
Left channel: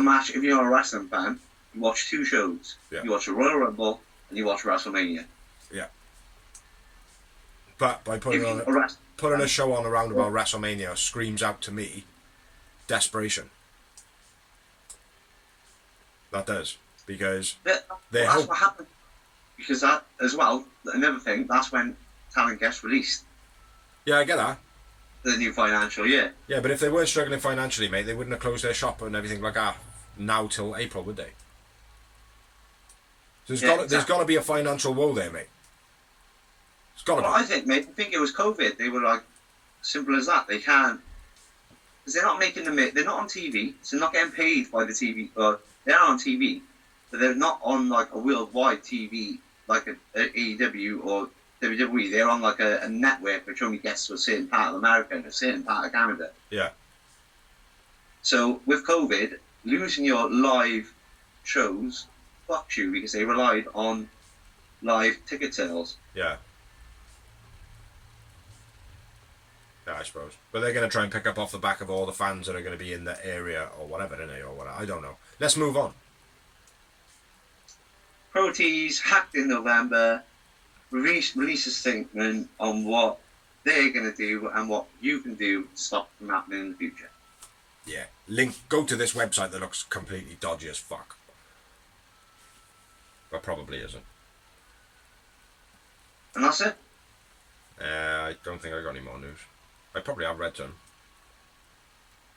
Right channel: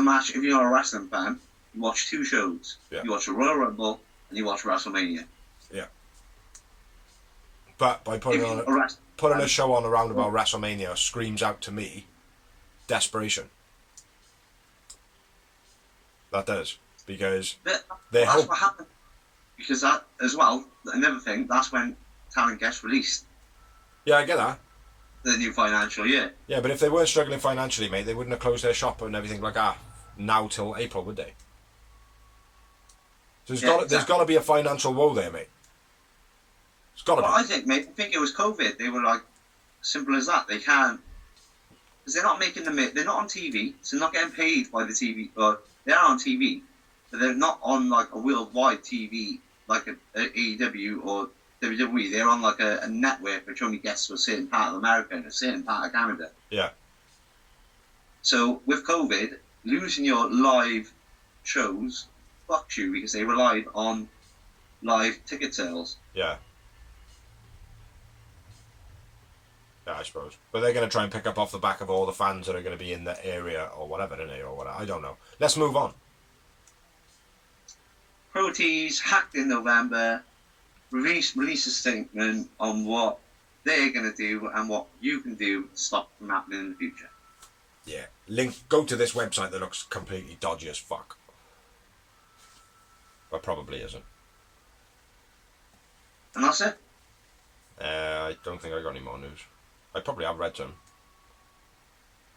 match. If you're a wrestling fan, you watch two shows. Yeah. You watch a Royal Rumble and you watch WrestleMania. Yeah. But by putting a show on around about WrestleMania screams out to me desperation. That does, because that's what happened. Because that as well, another thing, that's when talent gets released. Yeah, I get that. The new financial year. Yeah, but if they weren't struggling financially, mate, they wouldn't have closed their shop and everything like that now till April, would they? So there's got to be a financial woe there, mate. It's got to be. I think it was COVID. They were like, simple as that. They can't, because they're not making they're not on TV, so they're not getting paid by the TV. Or they are on TV, but they're not on like a worldwide TV like a AEW or WWE. They're on like a network which only gets to a certain part of America and a certain part of Canada. Yeah. So with COVID, losing your live shows fucked you because they relied on live ticket sales. Yeah. Yeah, I suppose. But they're going to try and pick up off the back of all the fans that are going to be in the area or whatever, don't they? Or whatever. I don't know. Let's move on. Pro Tees hacked in November. Release a statement on what they're going to do and what you can do to stop it from happening in the future. Yeah. Go to this website that looks completely dodgy as fuck. But probably isn't. And that's it? I don't think I got any more news. I probably have read some.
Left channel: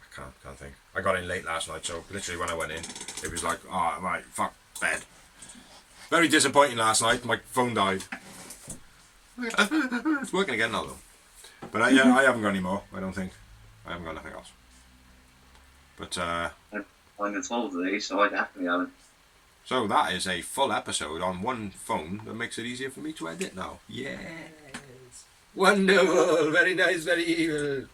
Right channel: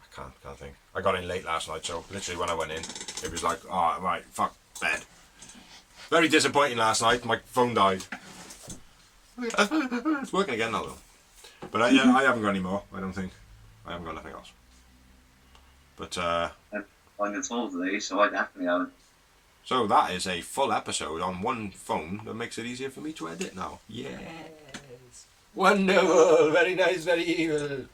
I can't think. I got in late last night, so literally when I went in, it was like, oh, right, fuck, bed. Very disappointing last night. My phone died. It's working again now, though. But yeah, I haven't got any more, I don't think. I haven't got nothing else. But, I'm on 12 today, so I definitely haven't. So that is a full episode on one phone that makes it easier for me to edit now. Yes. Wonderful. Very nice, very evil.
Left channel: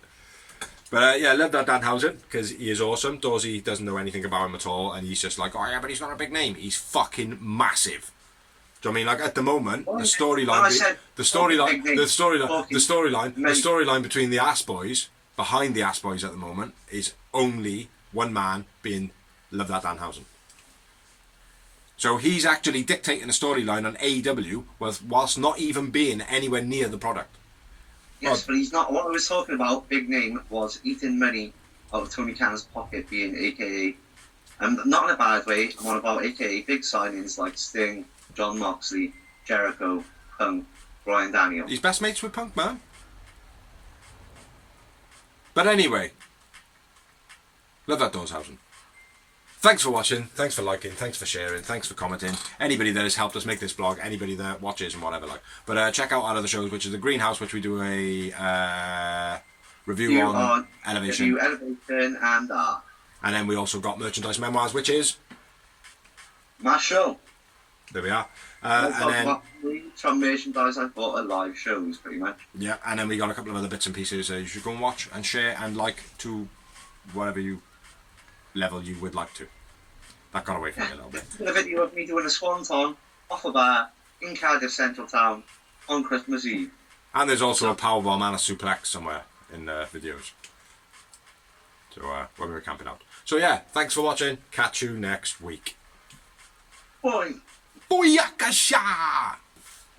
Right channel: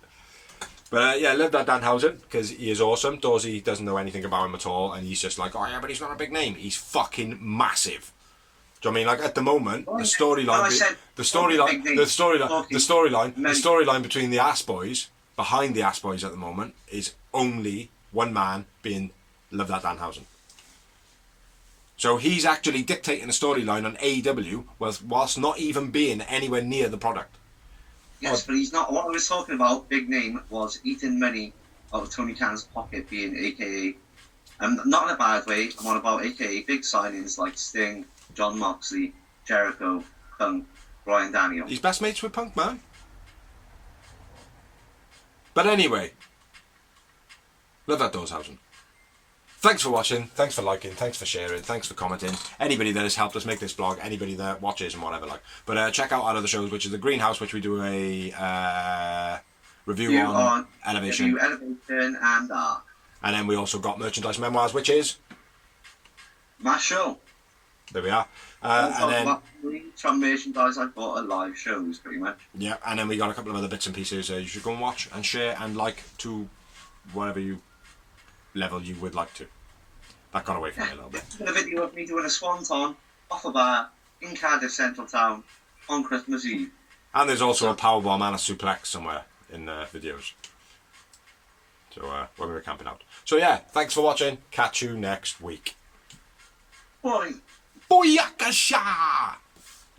But yeah, I love that Danhausen because he is awesome. Dorsey doesn't know anything about him at all, and he's just like, oh yeah, but he's not a big name. He's fucking massive. Do you know what I mean? Like at the moment, the storyline between the Ass Boys, behind the Ass Boys at the moment, is only one man being Love That Danhausen. So he's actually dictating a storyline on AEW whilst not even being anywhere near the product. Yes, but he's not. What I was talking about, big name, was eating money out of Tony Khan's pocket, being AKA, and not in a bad way. I'm on about AKA big signings like Sting, John Moxley, Jericho, Punk, Bryan Danielson. He's best mates with Punk, man. But anyway, Love That Danhausen. Thanks for watching, thanks for liking, thanks for sharing, thanks for commenting. Anybody that has helped us make this blog, anybody that watches and whatever like. But check out our other shows, which is The Greenhouse, which we do a review on Elevation. Elevation and Dark. And then we also got Merchandise Memoirs, which is my show. There we are. And then from merchandise I bought at live shows, pretty much. Yeah, and then we got a couple of other bits and pieces you should go and watch and share and like to whatever level you would like to. That got away from me a little bit. A video of me doing a swanton off a bar in Cardiff Central Town on Christmas Eve. And there's also a powerbomb and a suplex somewhere in videos. So when we were camping out. So yeah, thanks for watching. Catch you next week. Bye. Booyakasha!